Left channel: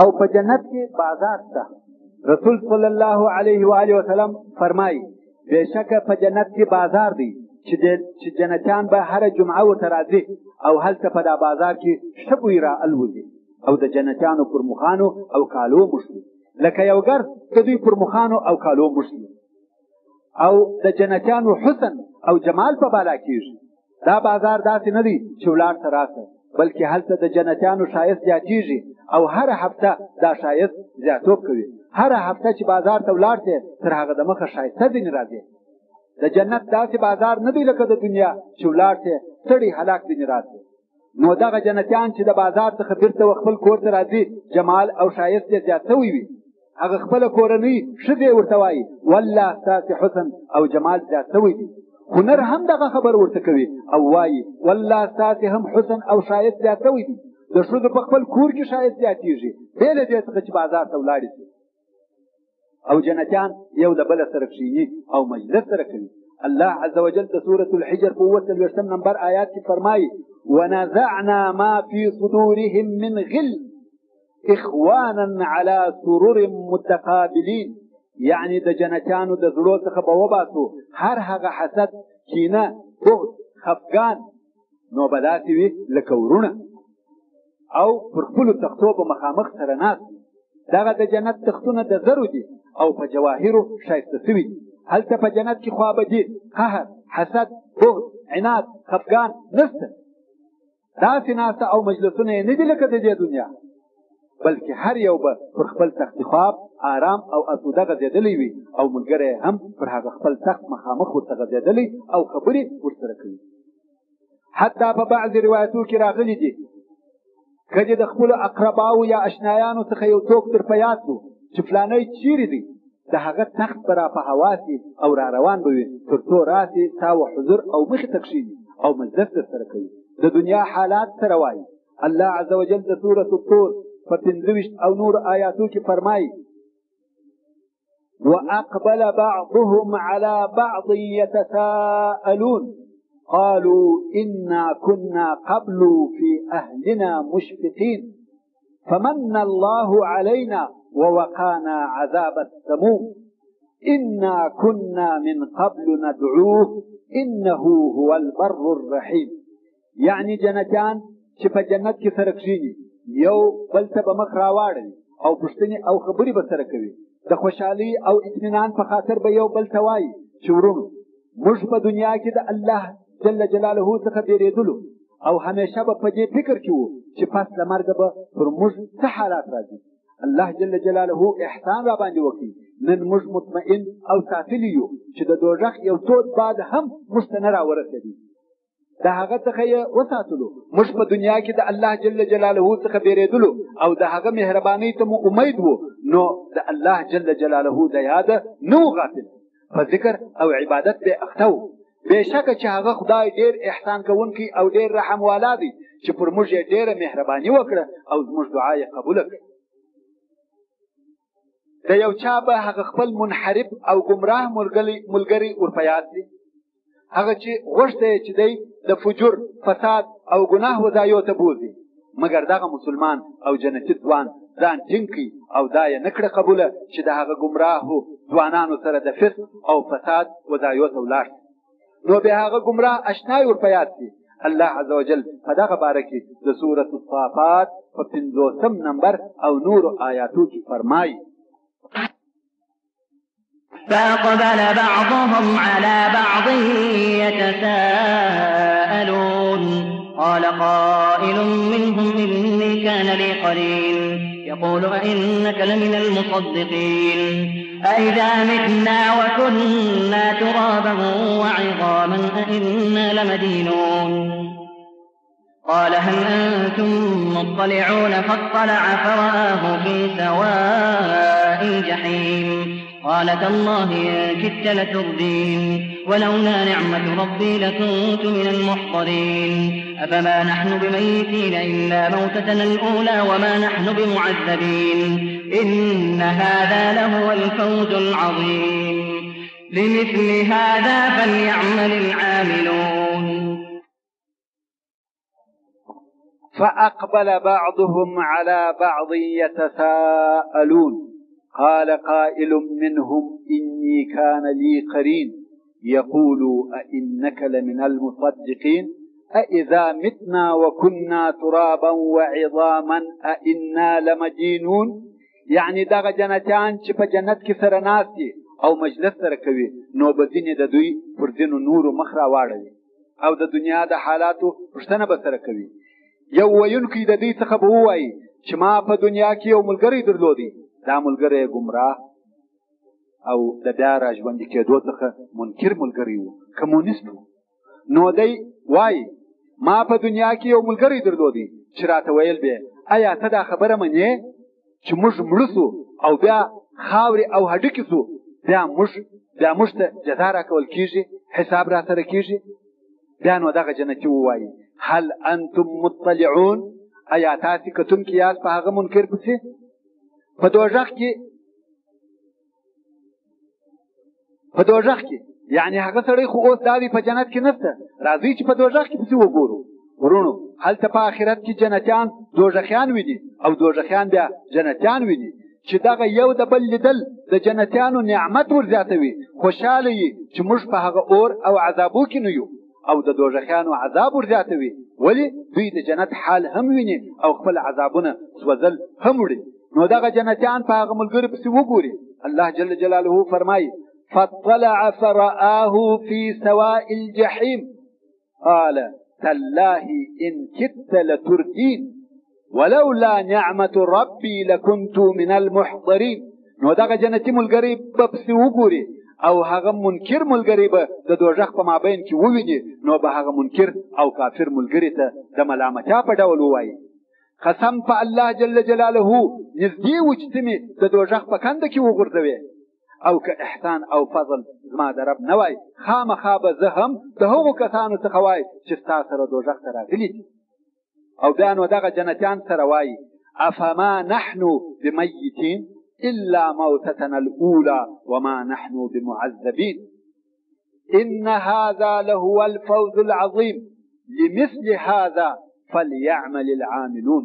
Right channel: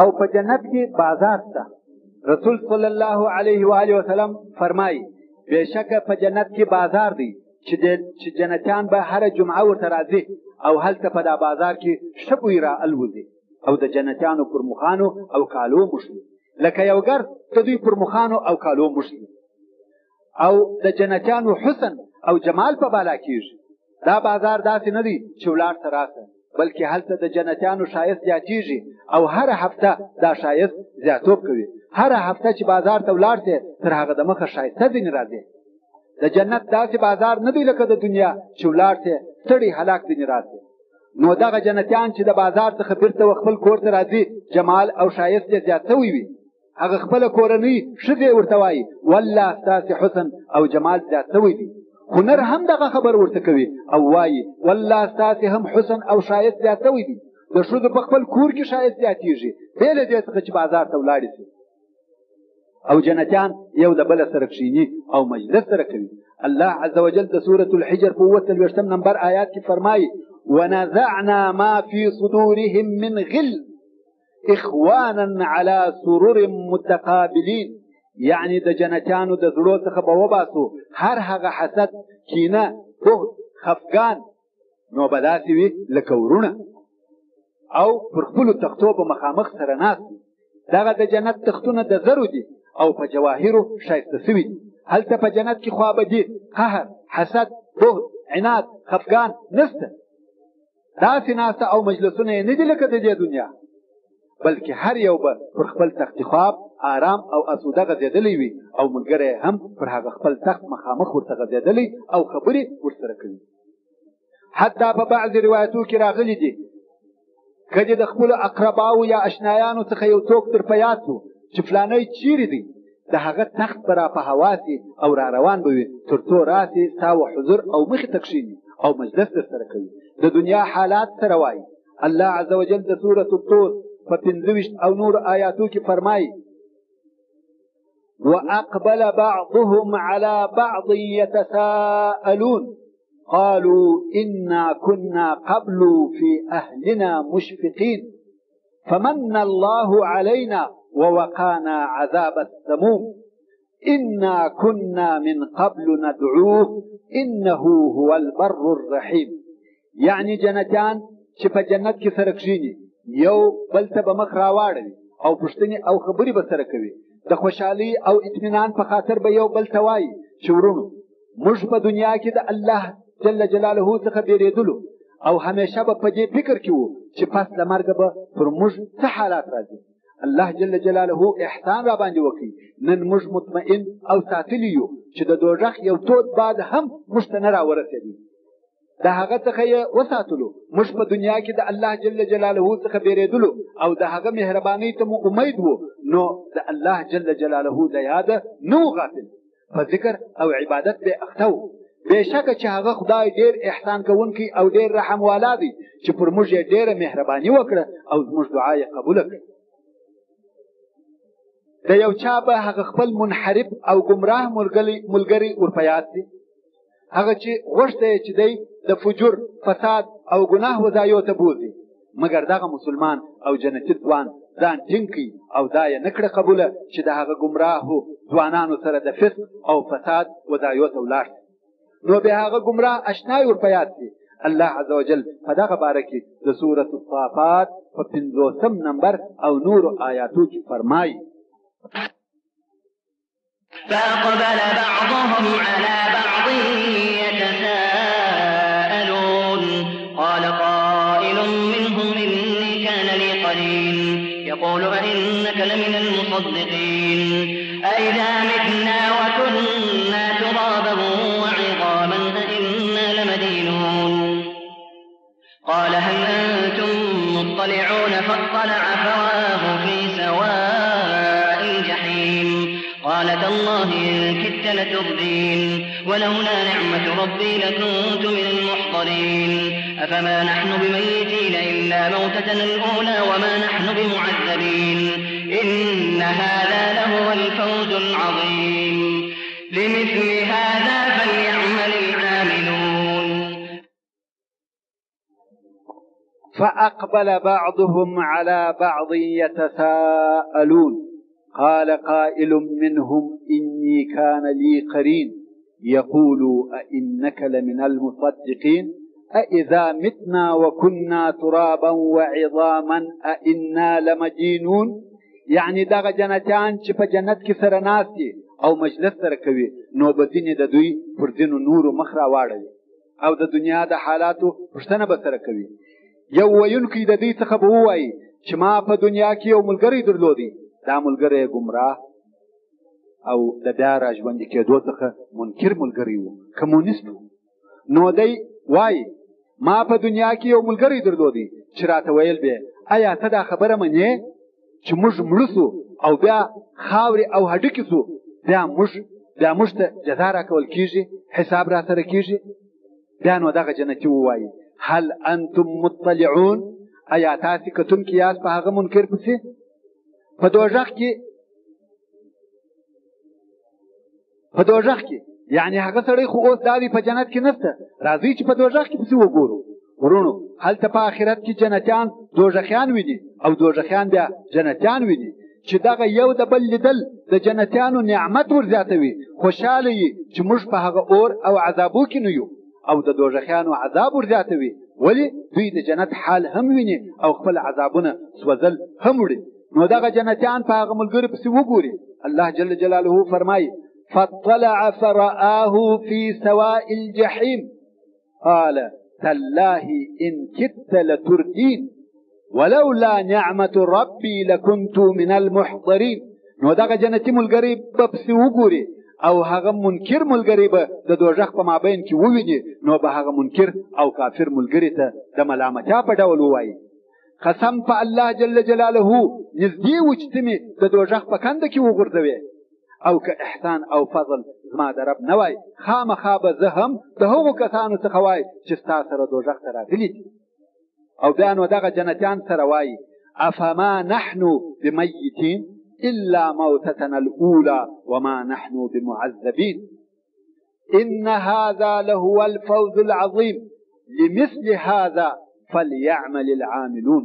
او په جنت کې بازار شته. رسول صلی الله علیه و آله وسلم فرمایي بېشکه په جنت کې بازار دی چې جنتیان به هره جمعه ورته راځي او هلته په دا بازار کې ښه بوی را الوځي او د جنتیانو پر مخانو او کالو مشلي لکه یو ګرد د دوی پر مخانو او کالو مشلي او د جنتیانو حسن او جمال په بالا کېږي. دا بازار داسې نه دی چې ولاړ ته راسه، بلکې هلته د جنتیانو ښایست زیاتېږي او هره هفته دا ښایست زیاتوب کوي. هره هفته چې بازار ته ولاړ شې تر هغه د مخه ښایسته ځینې راځي. د جنت داسې بازار نه دی لکه د دنیا چې ولاړ شې ستړی هلاک ځینې راشي. نو دغه جنتیان چې د بازار څخه بیرته خپل کور ته راځي جمال او ښایست یې زیات شوی وي. هغه خپله کورنۍ ښځې ورته وایي والله ستاسې حسن او جمال زیات شوی دی. هنر هم دغه خبر ورته کوي او وایي والله ستاسې هم حسن او ښایست زیات شوی دی. د ښځو په خپل کور کې ښایست زیاتېږي بې له دې څخه چې بازار ته ولاړې شي. او جنتیان یو د بله سره کښېني او مجلس سره کوي. الله عز وجل د سورة الحجر په 43 نمبر آیات کې فرمایي ونزعنا ما في صدورهم من غل اخوانا على سرر متقابلین، یعنی د جنتیانو د زړو څخه به وباسو هر هغه حسد، کینه، بغض، خفګان، نو به داسې وي لکه ورونه او پر خپلو تختو به مخامخ سره ناست وي. دغه د جنت تختونه د زرو دي او په جواهرو ښایسته شوي دي. هلته په جنت کې خوابدي، قهر، حسد، بغض، عناد، خفګان نشته. داسې ناسته او مجلسونه یې نه دي لکه د دې دنیا، بلکې هر یو به پر خپل تخت خواب آرام او اسوده غځېدلی وي او ملګری هم پر هغه خپل تخت مخامخ ورته غځېدلی او خبرې ورسره کوي. حتی په بعضې روایتو کې راغلي دي که د خپلو اقرباو یا اشنایانو څخه یو څوک در په یاد شو چې فلانی چیرې دی، د هغه تخت به را په هوا سي او را روان به وي تر څو راسي ستا و حضور او مخې ته کښېني او مجلس در سره کوي. د دنیا حالات سره وایي. الله عز وجل د سورة الطور په 25 او نور آیاتو کې فرمایي وأقبل بعضهم على بعض يتساءلون قالوا إنا كنا قبل في أهلنا مشفقين فمن الله علينا ووقانا عذاب السموم إنا كنا من قبل ندعوه إنه هو البر الرحيم. يعني جنتان چې په جنت کې سره کښېني یو بل ته به مخ راواړوي او پوښتنې او خبرې به سره کوي. د خوشحالۍ او اطمینان په خاطر به یو بل ته وایي چې ورونو موږ په دنیا کې د الله جل جلاله څخه بیرېدلو او همیشه به په دې فکر کې وو چې پس له مرګه به پر موږ څه حالات راځي. الله جل جلاله احسان را باندې وکړي. نن موږ مطمئن او ساتلی یو چې د دوزخ یو تود باد هم موږ ته نه راورسېدي. د هغه څخه یې وساتلو. موږ په دنیا کې د الله جل جلاله څخه بیرېدلو او د هغه مهربانۍ ته مو امید وو، نو د الله جل جلاله د یاده نه و غافل، په ذکر او عبادت به اخته و. بېشکه چې هغه خدای ډېر احسان کوونکی او ډېر رحم والا دی چې پر موږ یې ډېره مهرباني وکړه او زموږ دعا یې قبوله کړه. د یو چا به هغه خپل منحرف او ګمراه ملګری ورپه یاد دی، هغه چې غوښته یې چې دی د فجور، فساد او ګناه وځایو ته بوځي، مګر دغه مسلمان او جنتي ځوان ځان ټینګ کړي او دا یې نه کړه قبوله چې د هغه ګمراهو ځوانانو سره د فسق او فساد وځایو ته ولاړ شي. نو بیا هغه ګمراه اشنای ورپه یاد شي. الله عز وجل په دغه باره کې د سورة الصافات په 50 نمبر او نور آیاتو کې فرمایي فأقبل بعضهم على بعض يتساءلون قال قائل منهم إني كان لي قرين يقول أئنك لمن المصدقين أئذا متنا وكنا ترابا وعظاما أئنا لمدينون قال هل أنتم مطلعون فاطلع فرآه في سواء الجحيم قال تالله إن كدت لتردين ولولا نعمة ربي لكنت من المحضرين أفما نحن بميتين إلا موتتنا الأولى وما نحن بمعذبين إن هذا لهو الفوز العظيم لمثل هذا فليعمل العاملون. فأقبل بعضهم على بعض يتساءلون قال قائل منهم إني كان لي قرين يقول أئنك لمن المصدقين أإذا متنا وكنا ترابا وعظاما أئنا لمدينون. يعني دغه جنتیان چې په جنت کې سره ناست دي او مجلس سره کوي نو به ځینې د دوی پر ځینو نورو مخ راواړوي او د دنیا د حالاتو پوښتنه به سره کوي. یو ویونکی د دې څخه به ووایي چې ما په دنیا کې یو ملګری درلودی، دا ملګری ګمراه او د بیا را ژوندي کېدو څخه منکر ملګری و، کمونیست و. نو دی وایي ما په دنیا کې یو ملګری درلودی چې راته ویل به آیا ته دا خبره منې چې موږ مړه سو او بیا خاورې او هډوکي سو، بیا موږ ته جزا راکول کېږي، حساب را سره کېږي. بیا نو دغه جنتي ووایي هل انتم مطلعون، آیا تاسې کتونکي یاست په هغه منکر پسې؟ په دوزخ کې یعنی هغه سړی خو اوس دا دی په جنت کې نشته، راځئ چې په دوزخ کې پسې وګورو. ورونو هلته په آخرت کې جنتیان دوزخیان ویني او دوزخیان بیا جنتیان ویني چې دغه یو د بل لیدل د جنتیانو نعمت ورزیاتوي، خوشحاله یي چې موږ په هغه اور او عذابو کې نه یو، او د دوزخیانو عذاب ورزیاتوي ولې دوی د جنت حال هم ویني او خپل عذابونه سوځل هم وړي. نو دغه جنتیان په هغه ملګري پسې وګوري. الله جل جلاله فرمایي فاطلع فرآه في سواء الجحيم قال تالله إن كدت لتردين ولولا نعمة ربي لكنت من المحضرين. نو دغه جنتي ملګری به پسې وګوري او هغه منکر ملګری به د دوزخ په مابین کې وویني، نو به هغه منکر او کافر ملګری ته د ملامتیا په ډول ووایي قسم په الله جل جلاله نږدې و چې ته مې د دوزخ په کنده کې وغورځوې، او که احسان او فضل زما د رب نه وای خامخا به زه هم د هغو کسانو څخه وای چې ستا سره دوزخ ته راغلي دي. او بیا نو دغه جنتیان سره وایي افما نحن بمیتین الا موتتنا الاولى وما نحن بمعذبين ان هذا لهو الفوز العظيم لمثل هذا فليعمل العاملون.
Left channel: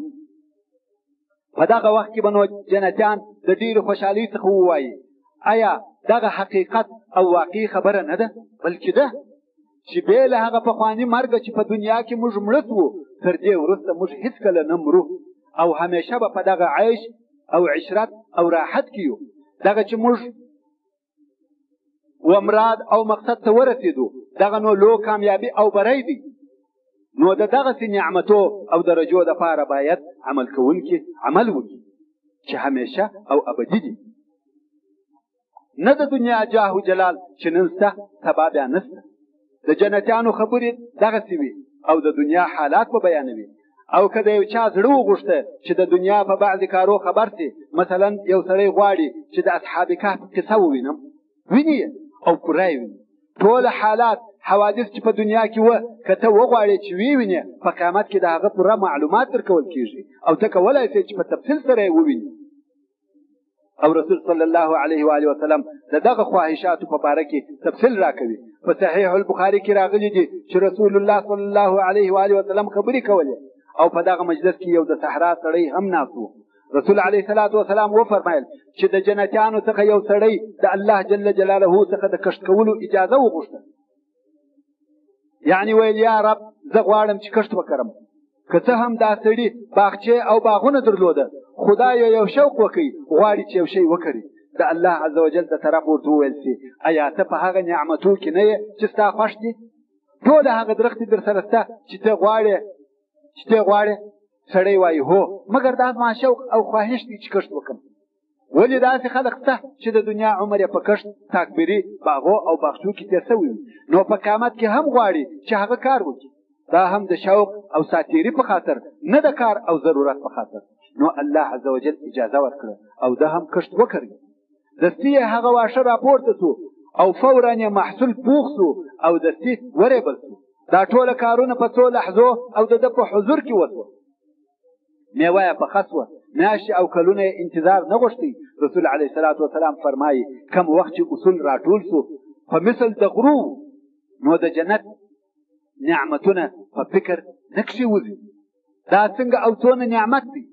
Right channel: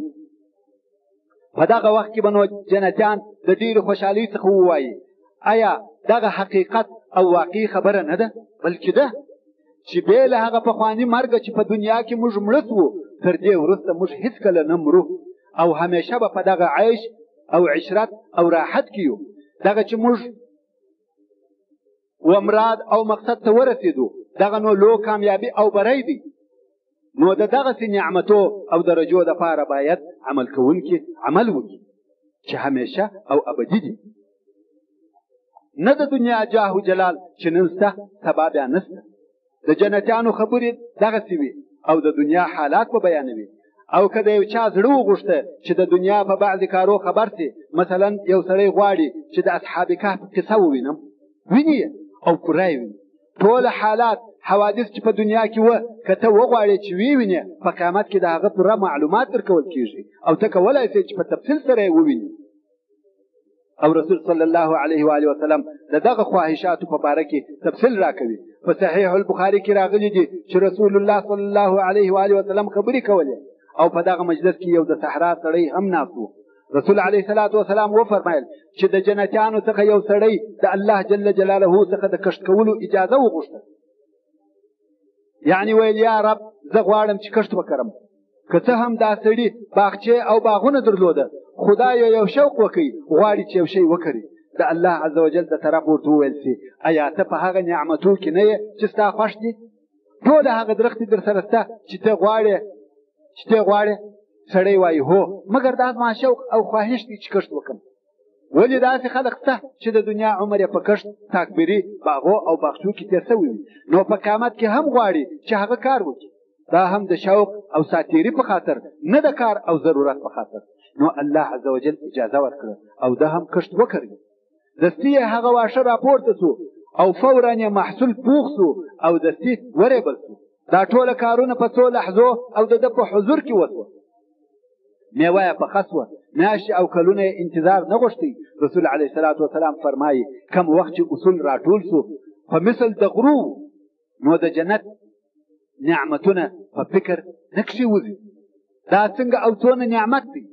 په دغه وخت کې به نو جنتیان د ډېرې خوشحالۍ څخه ووایي آیا دغه حقیقت او واقعي خبره نه ده، بلکې ده چې بې له هغه پخواني مرګه چې په دنیا کې موږ مړه سوو تر دې وروسته موږ هېڅکله نه مرو او همیشه به په دغه عیش او عشرت او راحت کې یو. دغه چې موږ ومراد او مقصد ته ورسېدو دغه نو لو کامیابي او بری دی. نو د دغسې نعمتو او درجو دپاره باید عمل کوونکي عمل وکړي چې همیشه او ابدي دي، نه د دنیا جاه و جلال چې نن شته سبا بیا نشته. د جنتیانو خبرې دغسې وي او د دنیا حالات به بیانوي. او که د یو چا زړه وغوښته چې د دنیا په بعضې کارو خبر سي، مثلا یو سړی غواړي چې د اصحاب کهف قصه ووینم، ویني او پوره یې ویني ټول حالات حوادث چې په دنیا کې وه که ته وغواړې چې ویې په قیامت کې د هغه پوره معلومات درکول کېږي او ته کولی شې چې په تفصیل سره یې وویني. او رسول صلی الله علیه و آله وسلم د دغه خواهشاتو په باره کې تفصیل راکوي. په صحیح البخاري کې راغلي دي چې رسول الله صلی الله علیه و آله وسلم خبرې کولې او په دغه مجلس کې یو د صحرا سړی هم ناست و. رسول علیه الصلاة والسلام وفرمایل چې د جنتیانو څخه یو سړی د الله جل جلاله څخه د کښت کولو اجازه وغوښته، یعنی ویل یا رب زه غواړم چې کښت وکړم. که څه هم دا سړي باغچې او باغونه درلوده، خدای یو شوق وکړي غواړي چې یو شی وکړي، د الله عز وجل د طرف ورته وویل شي ایا ته په هغه نعمتو کې نه یې چې ستا خوښ دي؟ ټول هغه درختې در سره شته چې ته غواړې؟ سړی وایي هو، مګر دا زما شوق او خواهش دی چې کښت وکړم. ولې داسې خلک شته چې د دنیا عمر یې په کښت تاکبري باغو او باغچو کې تېر شوی وي، نو په قیامت کې هم غواړي چې هغه کار وکړي. دا هم د شوق او ساتیري په خاطر، نه د کار او ضرورت په خاطر. نو الله عز وجل اجازه ورکړه او ده هم کښت وکړي. دستي یې هغه واښه راپورته سو او فورا یې محصول پوخ سو او دستي ورېبل سو. دا ټوله کارونه په څو لحظو او د ده په حضور کې وسوه. میوه یې پخه سوه، میاشتې او کلونه یې انتظار نه غوښتی. رسول علیه الصلاة والسلام فرمایي کم وخت چې اصول راټول سو په مثل د غرو، نو د جنت نعمتونه په فکر نه کښې وځي. دا څنګه او څونه نعمت دی.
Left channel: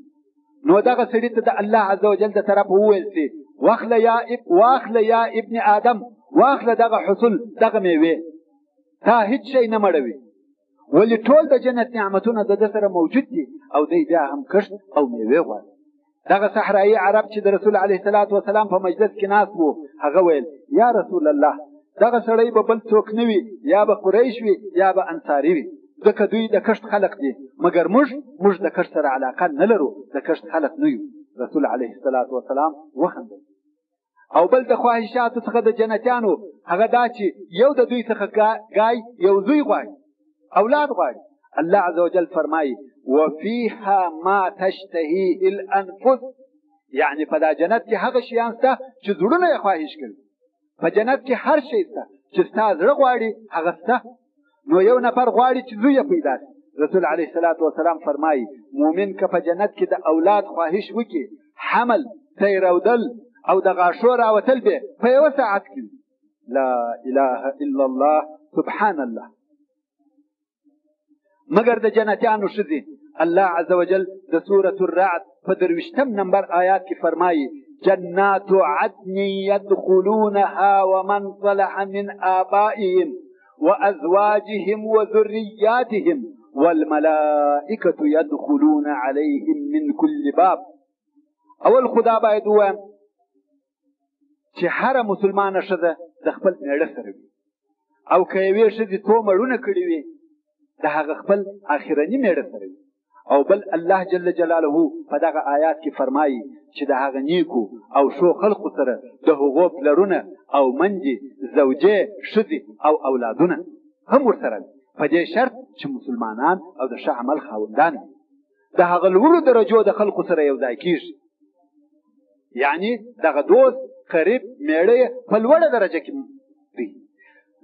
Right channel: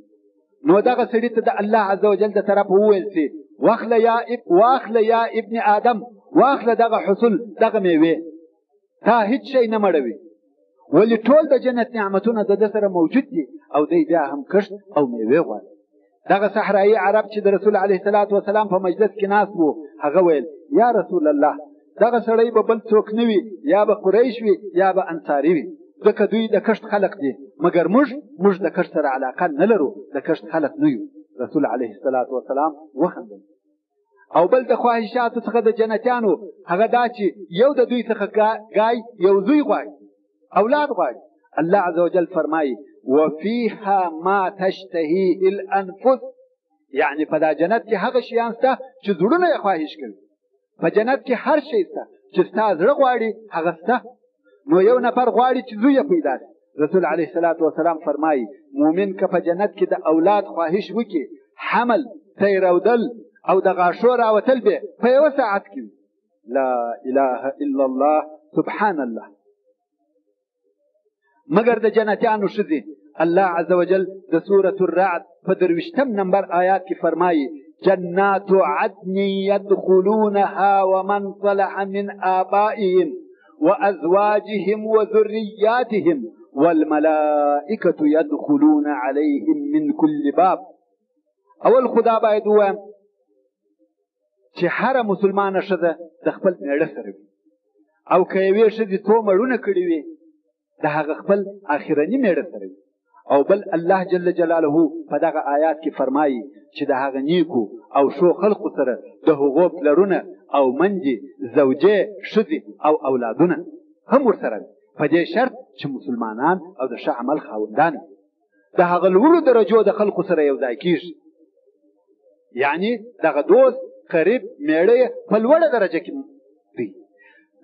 نو دغه سړي ته د الله عز وجل د طرف وویل سي واخله یا ابن آدم، واخله دغه حصول دغه میوې، تا هیڅ شی نه مړوي، ولې ټول د جنت نعمتونه د ده سره موجود دي او دی بیا هم کښت او میوې غواړي. دغه صحرایي عرب چې د رسول علیه الصلاة والسلام په مجلس کې ناست وو، هغه ویل یا رسول الله دغه سړی به بل څوک نه وي، یا به قریش وي یا به انصاري وي، ځکه دوی د کښت خلق دي، مګر موږ د کښت سره علاقه نه لرو، د کښت خلق نه یو. رسول علیه الصلاة والسلام وخندل. او بل د خواهشاتو څخه د جنتیانو هغه دا چې یو د دوی څخه ګای یو زوی غواړي، اولاد غواړي. الله عز وجل فرمایي وفيها ما تشتهيه الانفس، یعنی په دا جنت کې هغه شیان شته چې زړونه یې خواهش کوي. په جنت کې هر شی شته چې ستا زړه غواړي هغه شته. نو یو نفر غواړي چې زوی یې پیدا شي. رسول علیه الصلاة والسلام فرمایي مؤمن که په جنت کې د اولاد خواهش وکړي، حمل، تیرودل او د غاښو راوتل به په یوه ساعت کې. لا اله الا الله سبحان الله. مگر د جنتیانو ښځې الله عز وجل د سورة الرعد په 23 نمبر آیات کې فرمایي جنات عدن يدخلونها ومن صلح من آبائهم وأزواجهم وذرياتهم والملائكة يدخلون عليهم من كل باب. اول خدا باید ووایم چې هره مسلمانه ښځه د خپل میړه سره وي، او که یوې ښځې څو مړونه کړي وي د هغه خپل آخرني میړه سره وي. او بل الله جل جلاله په دغه آیات کې فرمایي چې د هغه نیکو او ښو خلقو سره د هغو پلرونه او منجې، زوجې، ښځې او اولادونه هم ورسره وي، په دې شرط چې مسلمانان او د ښه عمل خاوندان وي. د هغه لوړو درجو د خلقو سره یو ځای کېږي، یعنی دغه دوست قریب میړه په لوړه درجه کې دی.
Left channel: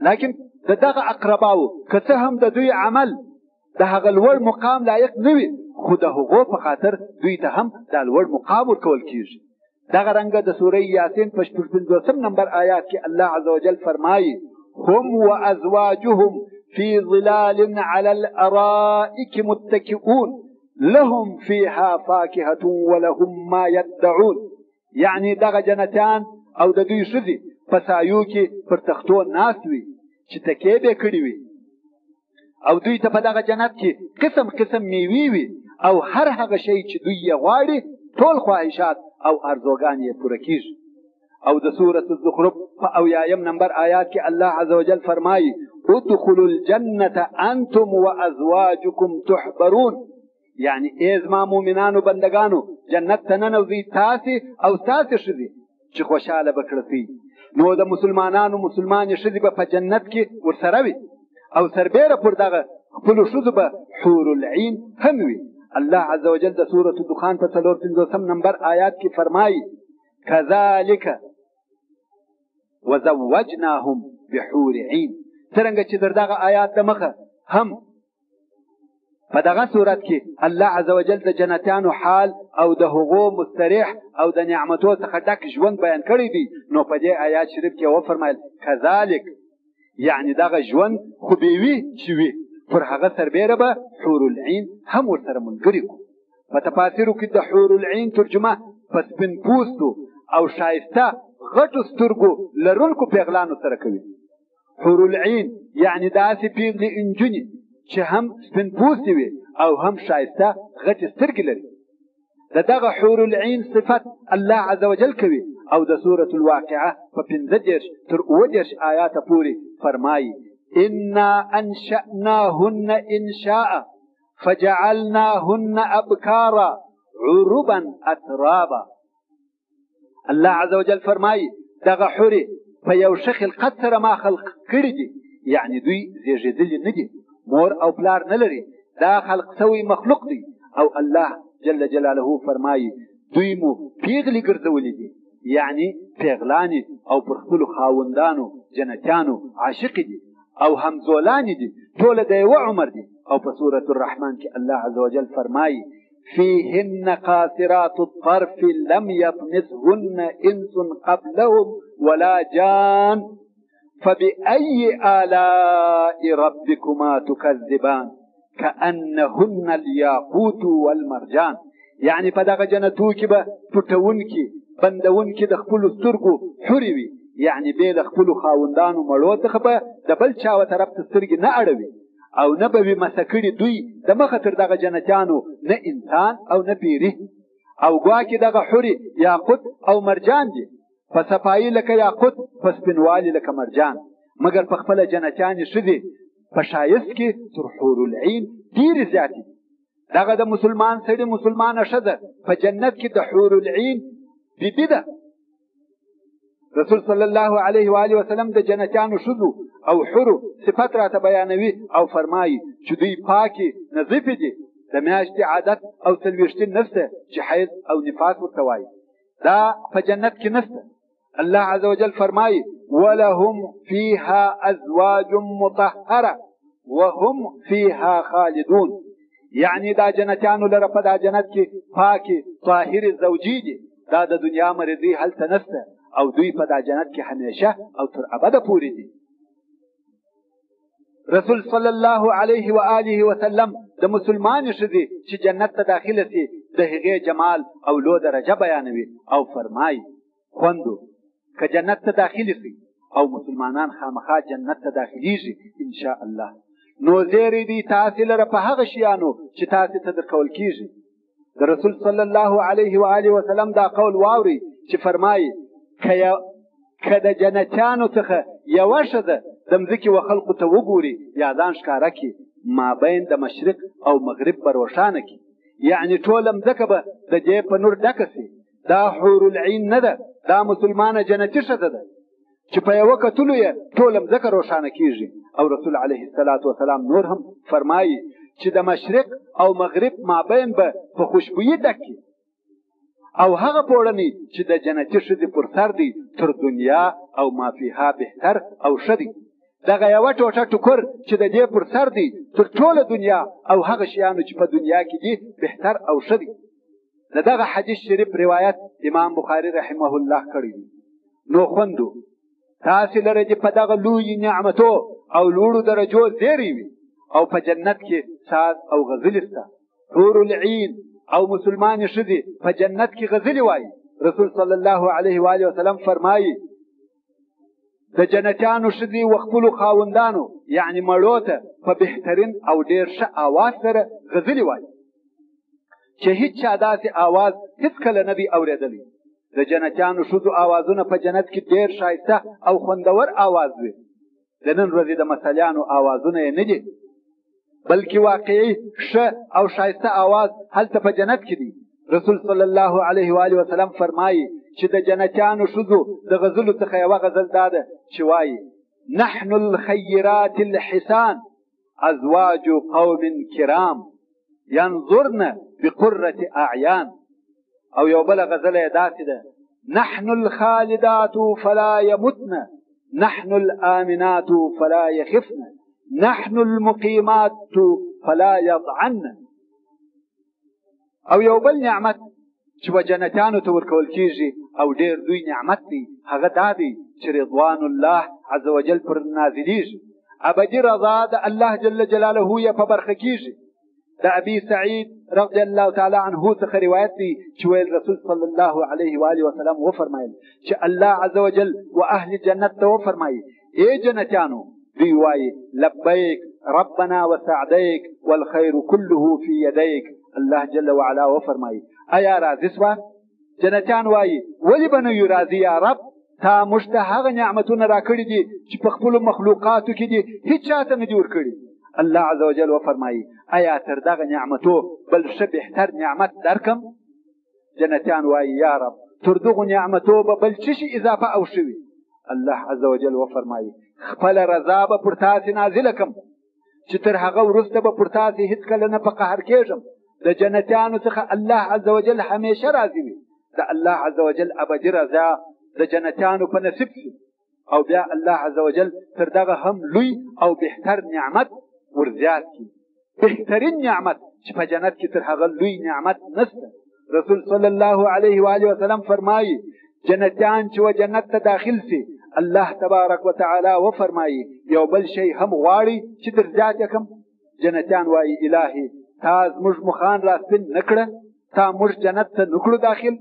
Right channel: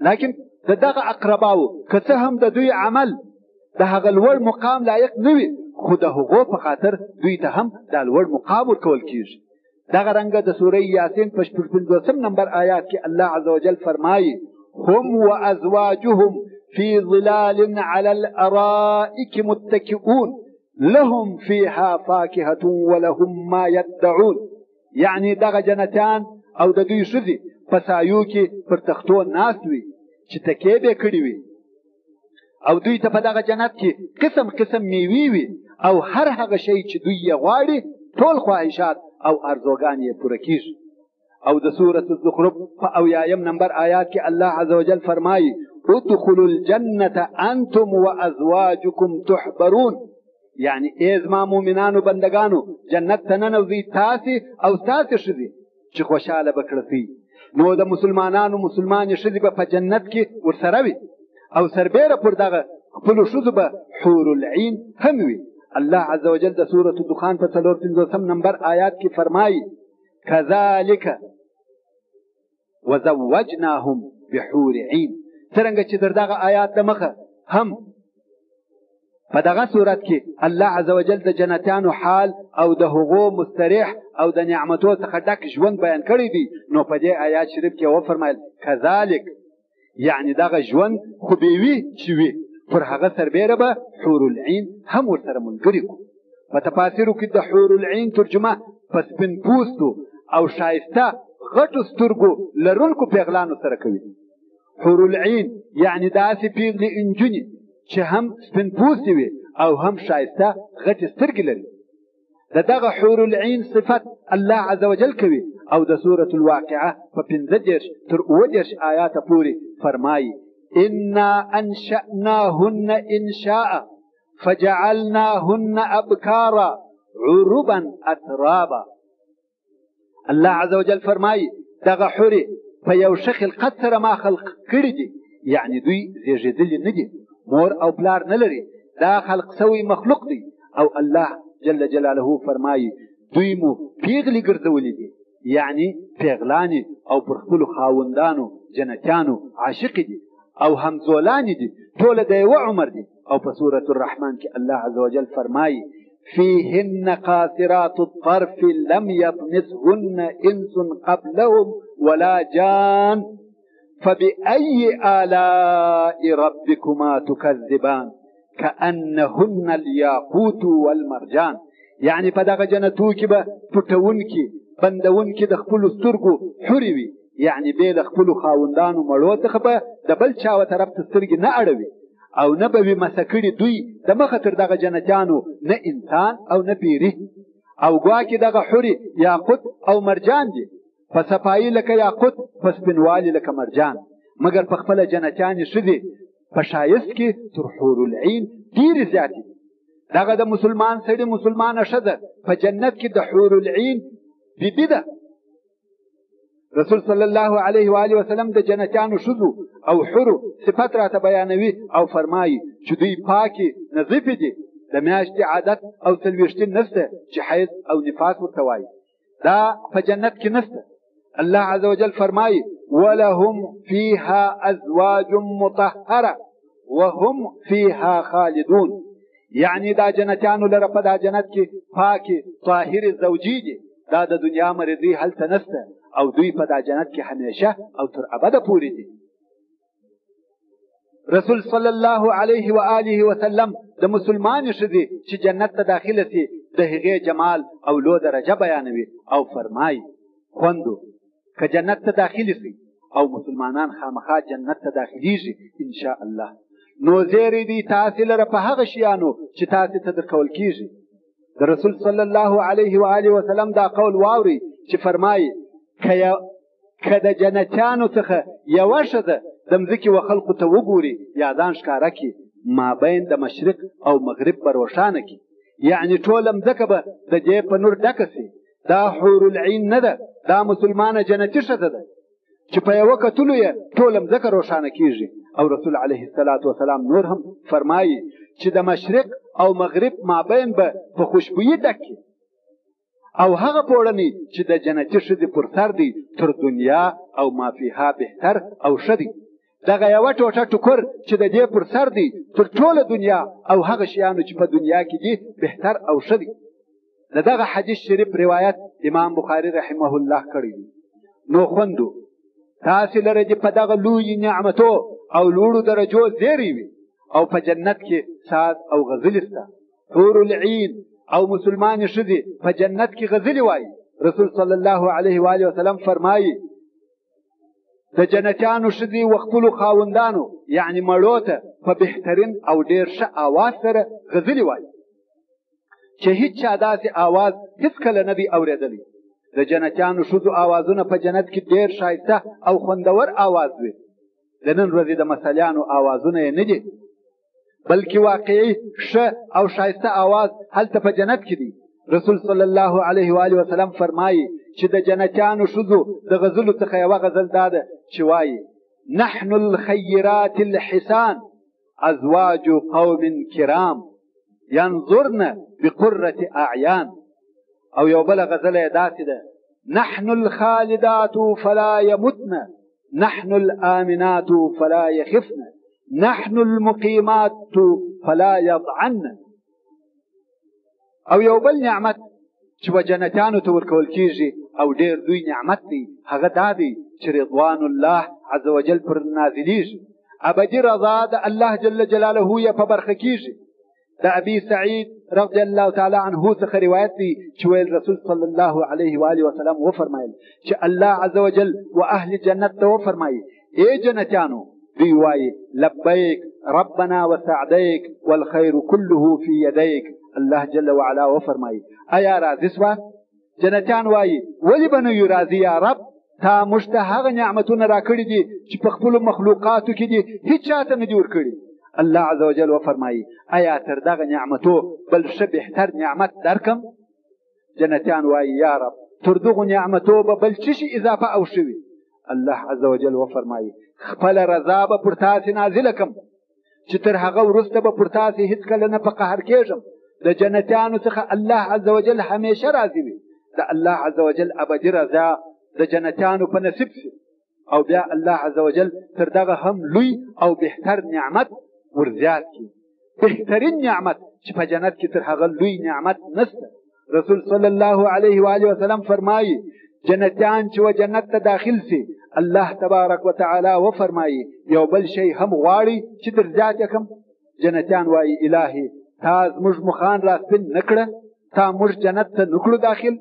لیکن د دغه اقرباو که څه هم د دوی عمل د هغه لوړ مقام لایق نه وي، خو د هغو په خاطر دوی ته هم دا لوړ مقام ورکول کېږي. دغه رنګه د سوره یاسین په 50 نمبر آیات کې الله عز وجل فرمایي هم وازواجهم فی ظلال علی الارائک متکئون لهم فیها فاکهة ولهم ما یدعون. یعنی دغه جنتیان او د دوی ښځې په سایو کې پر تختو ناست وي چې تکیې به کړي وي، او دوی ته په دغه جنت کې قسم قسم میوې وي، او هر هغه شی چې دوی یې غواړي ټول خواهشات او ارزوګان یې پوره کېږي. او د سورة الزخرف په 80 نمبر آیات کې الله عز وجل فرمایي ادخلوا الجنة انتم وازواجكم تحبرون. یعنی ای زما مؤمنانو بندگانو جنت ته ننوځئ تاسې او ستاسې ښځې چې خوشحاله به کړئ. نو د مسلمانانو مسلمانې ښځې به په جنت کې ورسره وي، او سربیره پر دغه خپلو ښځو به حور العین هم وي. الله عز وجل د سورة الدخان په 54 نمبر آیات کې فرمایي کذالک وزوجناهم بحور عین. څرنګه چې تر دغه آیات د مخه هم په دغه صورت کې الله عز وجل د جنتیانو حال او د هغو مستریح او د نعمتو څخه ډک ژوند بیان کړی دی، نو په دې آیات شریف کې وفرمایل کذالک، یعنی دغه ژوند خو به وي چې وي، پر هغه سربیره به حور العین هم ورسره ملګري کړو. په تفاسیرو کې د حور العین ترجمه په سپین پوستو او ښایسته غټو سترګو لرونکو پیغلانو سره کوي. حور العین یعنی داسې پیغلې انجونې چې هم سپین پوستې وي او هم ښایسته غټې سترګې لري. د دغه حور العین صفت الله عز وجل کوي، او د سورة الواقعه په 15 تر 19 آیاته پورې فرمایي انا انشأناهن انشاء فجعلناهن ابکارا عربا اترابا. الله عز وجل فرمایي دغه حورې په یو ښه خلقت سره ما خلق کړي دي، یعنی دوی زیږېدلي نه دي، مور او پلار نه لري، دا خلق سوی مخلوق دی. او الله جل جلاله فرمایي دوی مو پیغلې ګرځولې دي، یعنی پیغلانې او پر خپلو خاوندانو جنتیانو عاشقې دي او همزولانې دي، ټوله د یوه عمر دي. او په سورة الرحمن کې الله عز وجل فرمایي فيهن قاصرات الطرف لم يطمثهن انس قبلهم ولا جان فبأي آلاء ربكما تكذبان. كأنهن الياقوت والمرجان. یعنی په دغه جنتو کې به پټونکي بندونکي د خپلو سترګو حورې وي، یعنی بې له خپلو خاوندانو مړو څخه به د بل چا طرف ته سترګې نه اړوي، او نه به وي مسه کړي دوی د مخه تر دغه جنتیانو نه انسان او نه پیري. او ګواکې دغه حورې یاقوت او مرجان دي، په صفایي لکه یاقوت، په سپینوالي لکه مرجان، مګر په خپله جنتیانې ښځې په ښایست کې تر حور العین ډېرې زیاتې دي. دغه د مسلمان سړي مسلمانه ښځه په جنت کې د حور العین بیبي ده. رسول صلی الله علیه و آله وسلم د جنتیانو ښځو او حورو صفت راته بیانوي او فرمایي چې دوی پاکې نظیفې دي، د میاشتې عادت او څلوېښتین نشته چې حیض او نفاس ورته وایي، دا په جنت کې نشته. الله عز وجل فرمایي ولهم فیها ازواج مطهره وهم فیها خالدون. یعنی دا جنتیانو لره په دا جنت کې پاکې طاهرې زوجې دي، دا د دنیا مرضی هلته نشته، او دوی په دا جنت کې همیشه او تر ابده پورې دي. رسول صلی الله علیه و آله وسلم د مسلمانې ښځې چې جنت ته داخله سي د هغې جمال او لو درجه بیانوي او فرمایي خوندو که جنت ته داخله سي او مسلمانان خامخا جنت ته داخلیږي ان شاء الله، نو زیری دی تاسې لره په هغه شیانو چې تاسې ته درکول کیږي. د رسول صلی الله علیه و آله وسلم دا قول واوري چې فرمایي که د جنتیانو څخه یوه ښځه د مځکې و خلقو ته وګوري یا ځان ښکاره کړي، مابین د مشرق او مغرب به روښانه کړي، یعنی ټوله مځکه به د دې په نور ډکه سي. دا حور العین نه ده، دا مسلمانه جنتي ښځه ده چې په یوه کتلو یې ټوله مځکه روښانه کیږي. او رسول علیه الصلاة والسلام نور هم فرمایي چې د مشرق او مغرب مابین به په خوشبویي ډک کړي، او هغه پوړنی چې د جنتي ښځې پر سر دی تر دنیا او ما فیها بهتر او ښه دی. دغه یوه ټوټه ټوکر چې د دې پر سر دی تر ټوله دنیا او هغه شیانو چې په دنیا کې دي بهتر او ښه دی. د دغه حدیث شریف روایت امام بخاري رحمه الله کړی دی. نو خوندو تاسې لره دې په دغه لوی نعمتو او لوړو درجو زیری وي، او په جنت کې ساز او غزل شته. حور العین او مسلمانې ښځې په جنت کې غزلې وایي. رسول صلی الله علیه و آله وسلم فرمایي د جنتیانو ښځې و خپلو خاوندانو یعنی مړو ته په بهترین او ډېر ښه آواز سره غزلې وایي چې هیڅ چا داسې آواز هیڅکله نه دی اورېدلی. د جنتیانو ښځو آوازونه په جنت کې ډېر ښایسته او خوندور آواز وي. د نن ورځې د مسلیانو آوازونه یې نه دي، بلکې واقعي ښه او ښایسته آواز هلته په جنت کې دی. رسول صلی الله علیه و آله وسلم فرمایي چې د جنتیانو ښځو د غزلو څخه یوه غزل دا ده چې وایي نحن الخیرات الحسان ازواج قوم کرام ينظرن بقرة اعیان. او یو بله غزله یې داسې ده نحن الخالدات فلا يمتن نحن الآمنات فلا يخفن نحن المقيمات فلا يضعن. او یو بل نعمت چې به جنتیانو ته ورکول کیږي او ډېر دوی نعمت دی، هغه دا دی چې رضوان الله عز وجل پر نازلیږي، ابدي رضا د الله جل جلاله یې په برخه کیږي. د ابي سعید رضی الله تعالی عنه څخه روایت دی چې ویل رسول صلی الله علیه و آله وسلم وفرمایل چې الله عز وجل و اهل جنت ته وفرمایي ای جنتیانو، دوی وایي لبیک ربنا وسعدیک والخیر كله فی یدیک. الله جل وعلا وفرمایي ایا راضي سوه؟ جنتیان وایي ولې به نه یو راضي یا رب، تا موږ ته هغه نعمتونه راکړي دي چې په خپلو مخلوقاتو کې دي هیڅ چاته نه دي ورکړي. الله عز وجل وفرمایي ایا تر دغه نعمتو بل ښه بهتر نعمت درکم؟ جنتیان وایي یا رب تر دغو نعمتو به بل څه شي اضافه او شوي؟ الله عز وجل وفرمایي خپله رضا به پر تاسې نازله کړم چې تر هغه وروسته به پر تاسې هېڅکله نه په قهر کېږم. د جنتیانو څخه الله عز وجل همیشه راضي وي. د الله عز وجل ابدي رضا د جنتیانو په نصیب شي، او بیا الله عز وجل تر دغه هم لوی او بهتر نعمت ورزیات کړي. بهترین نعمت چې په جنت کې تر هغه لوی نعمت نشته. رسول صلی الله علیه و آله وسلم فرمایي جنتیان چې و جنت ته داخل سي الله تبارک وتعالی وفرمایي یو بل شی هم غواړي چې در زیات کړم؟ جنتیان وایي الهي تا زموږ مخان را سپین نه کړه، تا موږ جنت ته نه کړو داخل،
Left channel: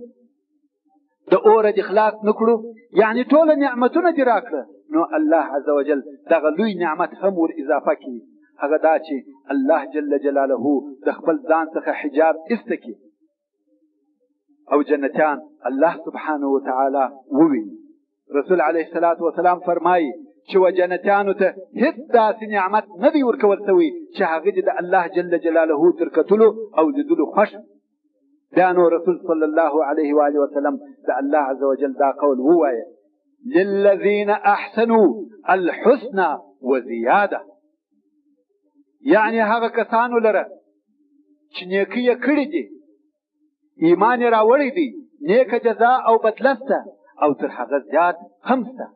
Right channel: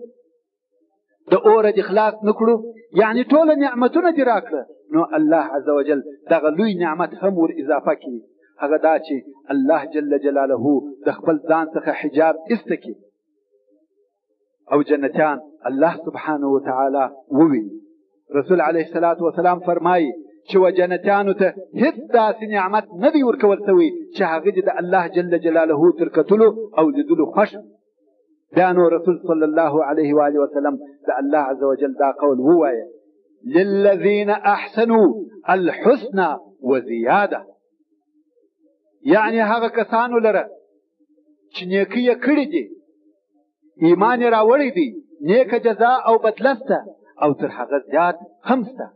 د اوره دې خلاص نه کړو، یعنې ټوله نعمتونه دې راکړه. نو الله عز وجل دغه لوی نعمت هم ور اضافه کړي، هغه دا چې الله جل جلاله د خپل ځان څخه حجاب ایسته کړي او جنتیان الله سبحانه وتعالی وویني. رسول علیه الصلاة والسلام فرمایي چې و جنتیانو ته هیڅ داسې نعمت نه دی ورکول شوی چې هغه دې د الله جل جلاله تر کتلو او لیدلو خوښ. بیا نو رسول صلی الله علیه و آله وسلم د الله عز وجل دا قول ووایه: للذین احسنوا الحسنى وزیاده، یعنی هغه کسانو لره چې نیکي یې کړې دي، ایمان یې راوړی دی، نیکه جزا او بدله شته او تر هغه زیات هم شته.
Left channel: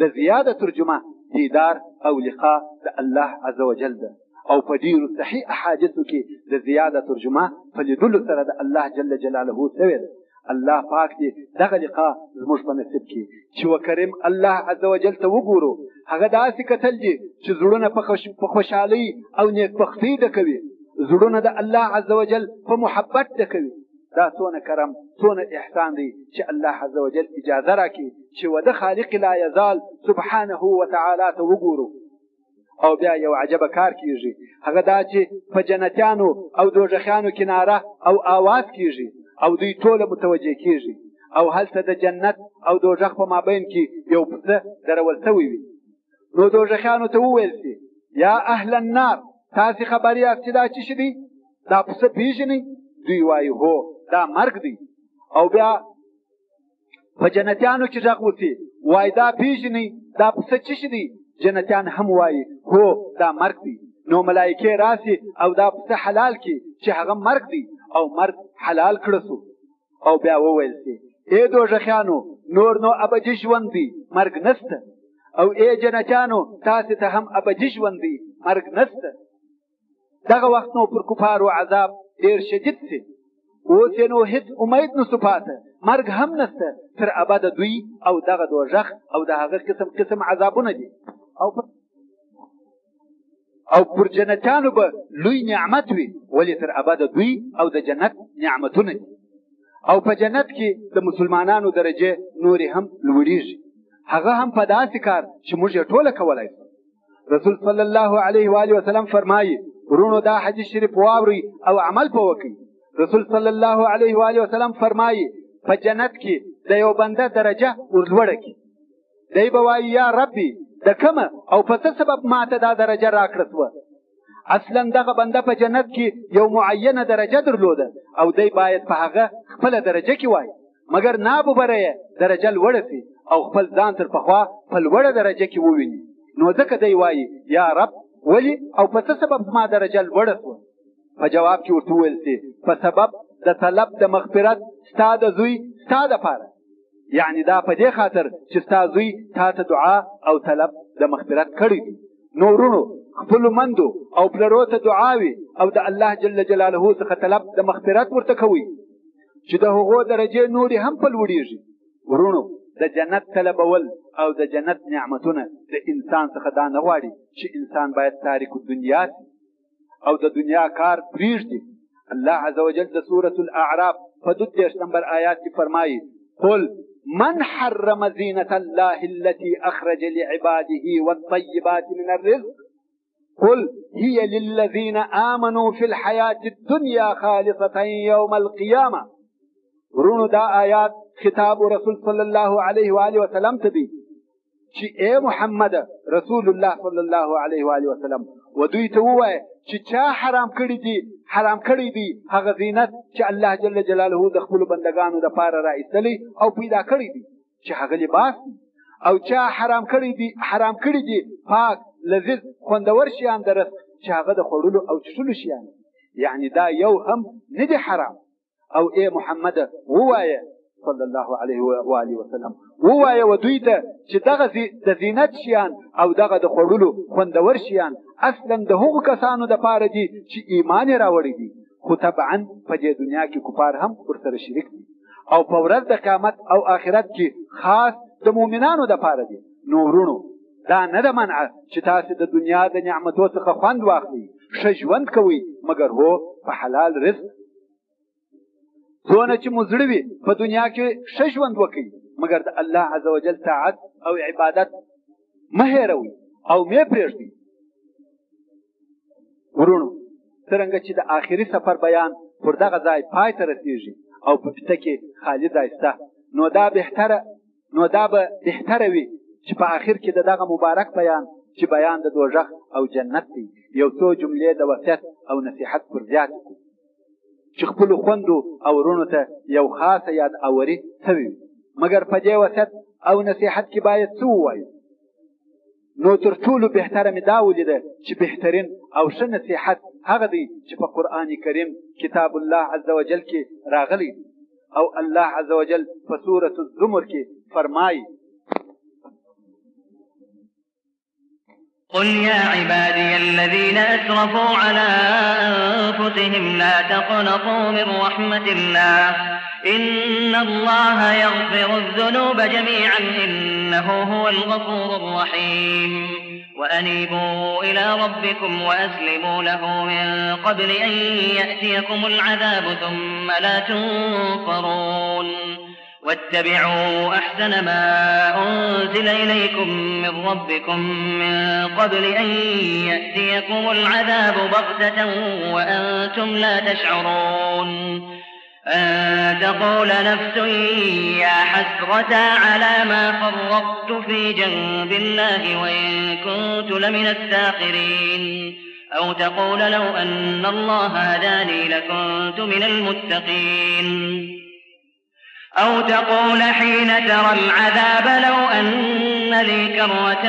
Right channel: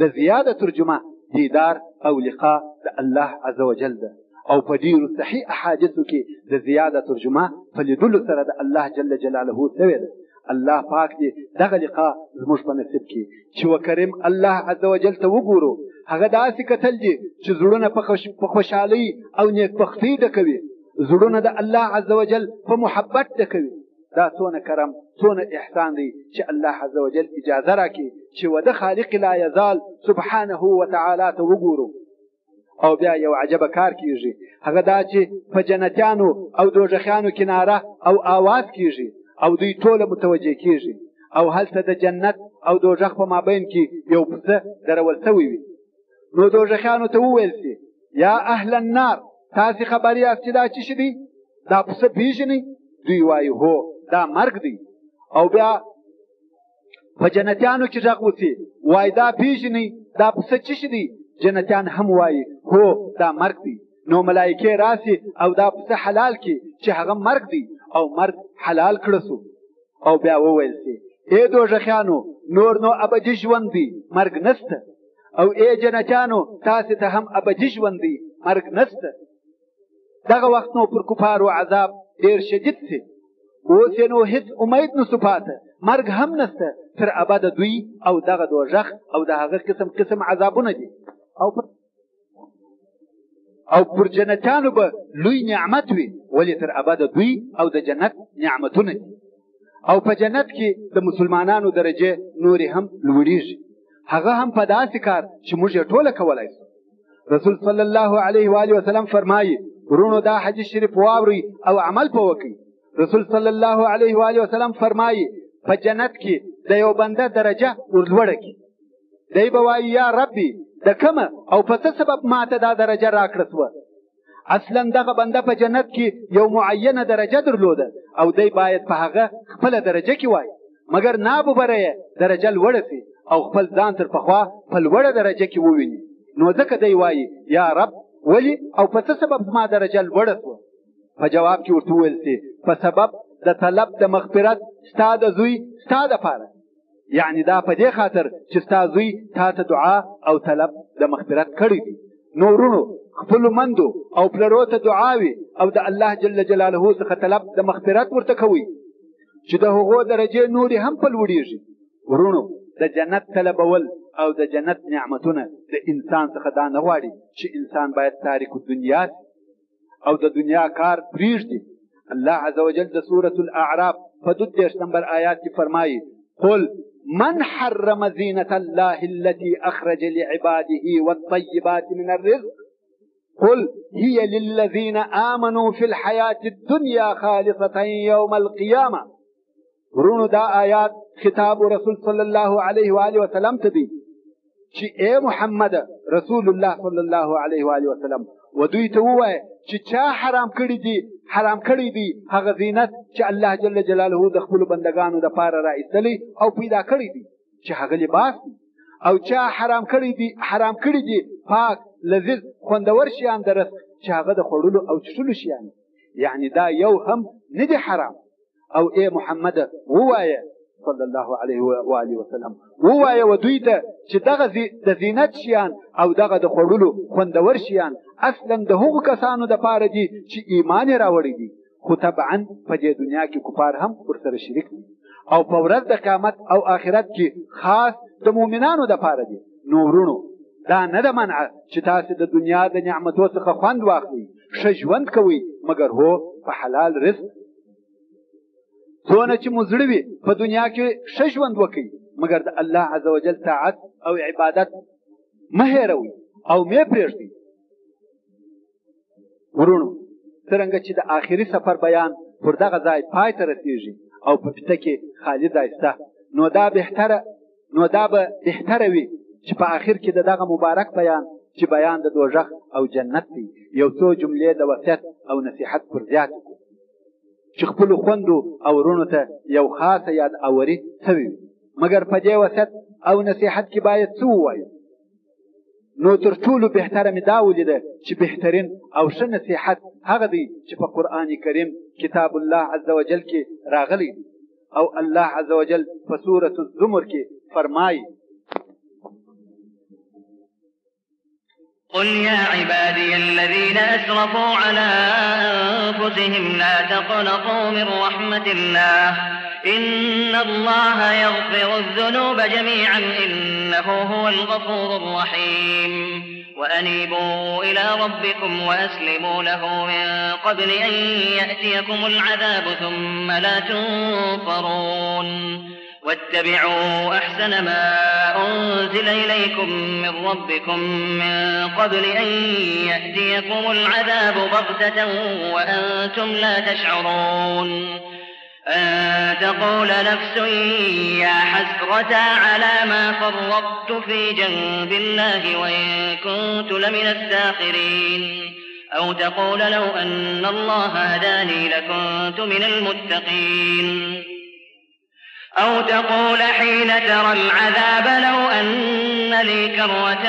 د زیاده ترجمه دیدار او لقاء د الله عز وجل ده، او په ډیرو صحیح احادیثو کې د زیاده ترجمه په لیدلو سره د الله جل جلاله شوې ده. الله پاک دې دغه لقاء زموږ په نصیب کړي چې وکریم الله عز وجل ته وګورو. هغه داسې کتل دي چې زړونه په خوشحالۍ او نیکبختۍ ډکوي، زړونه د الله عز وجل په محبت ډکوي. دا څونه کرم، څونه احسان دی چې الله عز وجل اجازه راکړي چې وده خالق لا یزال سبحانه وتعالی ته وګورو. او بیا یو عجبه کار کیږي، هغه دا چې په جنتیانو او دوزخیانو کې ناره او آواز کیږي او دوی ټوله متوجه کیږي، او هلته د جنت او دوزخ په مابین کې یو پسه درول شوی وي. نو دوزخیانو ته وویل شي: یا اهل النار، تاسې خبر یاست چې دا څه شی دی؟ دا پسه پیژنئ؟ دوی وایي هو، دا مرګ دی. او بیا په جنتیانو کې غږ وشي، وایي دا پیژنئ؟ دا پسه څه شی دی؟ جنتیان هم وایي هو، دا مرګ دی. نو ملائکې راسي او دا پسه حلال کړي چې هغه مرګ دی، او مرګ حلال کړه شو. او بیا وویل شي: ای دوزخیانو، نور نو ابدي ژوند دی، مرګ نشته. او ای جنتیانو، تاسې ته هم ابدي ژوند دی، مرګ نشته. دغه وخت نو پر کفارو عذاب ډېر شدید شي. اوس یې نو هېڅ امید نشو پاته، مرګ هم نشته، تر ابده دوی او دغه دوزخ او د هغه قسم قسم عذابونه دي. او پر جنتیانو به لوی نعمت وي، ولې تر ابده دوی او د جنت نعمتونه دي. او په جنت کې د مسلمانانو درجه نورې هم لوړېږي، هغه هم په داسې کار چې موږ یې ټوله کولی شو. رسول صلی الله علیه و آله وسلم فرمایي: ورونو دا حدیث شریف واورئ او عمل په وکړئ. رسول صلی الله علیه و آله وسلم فرمایي: په جنت کې د یو بنده درجه ورلوړه کړي، دی به وایي: یا ربي، د کومه او په څه سبب ماته دا درجه راکړه شوه؟ اصلا دغه بنده په جنت کې یو معینه درجه درلوده او دی باید په هغه خپله درجه کې وایي، مګر ناببره یې درجه لوړه شي او خپل ځان تر پخوا په لوړه درجه کې وویني. نو ځکه دی وایي: یا رب، ولې او په څه سبب زما درجه لوړه شوه؟ په جواب کې ورته وویل شي: په سبب د طلب د مغفرت ستا د زوی ستا دپاره، یعنې دا په دې خاطر چې ستا زوی تا ته دعا او طلب د مغفرت کړی دی. نو ورونو، خپلو مندو او پلرو ته دعاوي او د الله جل جلاله څخه طلب د مغفرت ورته کوئ چې د هغو درجې نورې هم په لوړېږي. ورونو، د جنت طلبول او د جنت نعمتونه د انسان څخه دا نه غواړي چې انسان باید تارک الدنیا او د دنیا کار پرېږدي. الله عز وجل د سورة الاعراف په 32 نمبر آیات کې فرمایي: قل من حرم زینة الله التي اخرج لعباده والطيبات من الرزق قل هي للذين آمنوا في الحياة الدنيا خالصة يوم القيامة. ورونو، دا آیات خطاب رسول صلی الله علیه و آله وسلم ته دی چې اے محمد رسول الله صلی الله علیه و آله وسلم، و دوی ته ووایه چې چا حرام کړی دی هغه زینت چې الله جل جلاله د خپلو بندګانو دپاره را ایستلی او پیدا کړی دی، چې هغه لباس دی. او چا حرام کړی دي پاک لذیذ خوندور شیان د رزق چې هغه د خوړلو او څښلو شیان، یعنی دا یو هم نه دی حرام. او اے محمد ووایه صلی الله علیه و آله وسلم، ووایه و دوی ته چې دغه د زینت شیان او دغه د خوړلو خوندور شیان اصلا د هغو کسانو دپاره دي چې ایمان یې راوړی دي، خو طبعا په دې دنیا کې کفار هم ورسره شریک دي، او په ورځ د قیامت او آخرت کې خاص د مؤمنانو دپاره دي. نو ورونو، دا نه ده منع چې تاسې د دنیا د نعمتو څخه خوند واخلئ، ښه ژوند کوئ مګر هو په حلال رزق. څونه چې مو زړه وي په دنیا کې ښه ژوند وکړئ مګر د الله عز وجل طاعت او عبادت مه هېروئ او مې پرېږدئ. ورونو څرنګه چې د آخري سفر بیان پر دغه ځای پای ته رسیږي او په پته کې خالي ځای شته، نو دا به بهتره وي چې په آخر کې د دغه مبارک بیان چې بیان د دوزخ او جنت دی یو څو جملې د وصیت او نصیحت پر زیات کړو چې خپلو خویندو او وروڼو ته یو خاصه یاد اوري شوي وي. مګر په دې وصیت او نصیحت کې باید څه ووایو؟ نو تر ټولو بهتره مې دا ولیده چې بهترین او ښه نصیحت هغه دی چې په قرآن کریم کتاب الله عز وجل کې راغلی دی او الله عز وجل په سورة الزمر کې فرمایي: قل يا عبادي الذين أسرفوا على أنفسهم لا تقنطوا من رحمة الله إن الله يغفر الذنوب جميعا إنه هو الغفور الرحيم وأنيبوا إلى ربكم وأسلموا له من قبل أن يأتيكم العذاب ثم لا تنصرون واتبعوا أحسن ما أنزل إليكم من ربكم من قبل أن يأتيكم العذاب بغتة وأنتم لا تشعرون أن تقول نفس يا حسرة على ما فرطت في جنب الله وإن كنت لمن الساخرين أو تقول لو أن الله هداني لكنت من المتقين أو تقول حين ترى العذاب لو أن لي كرة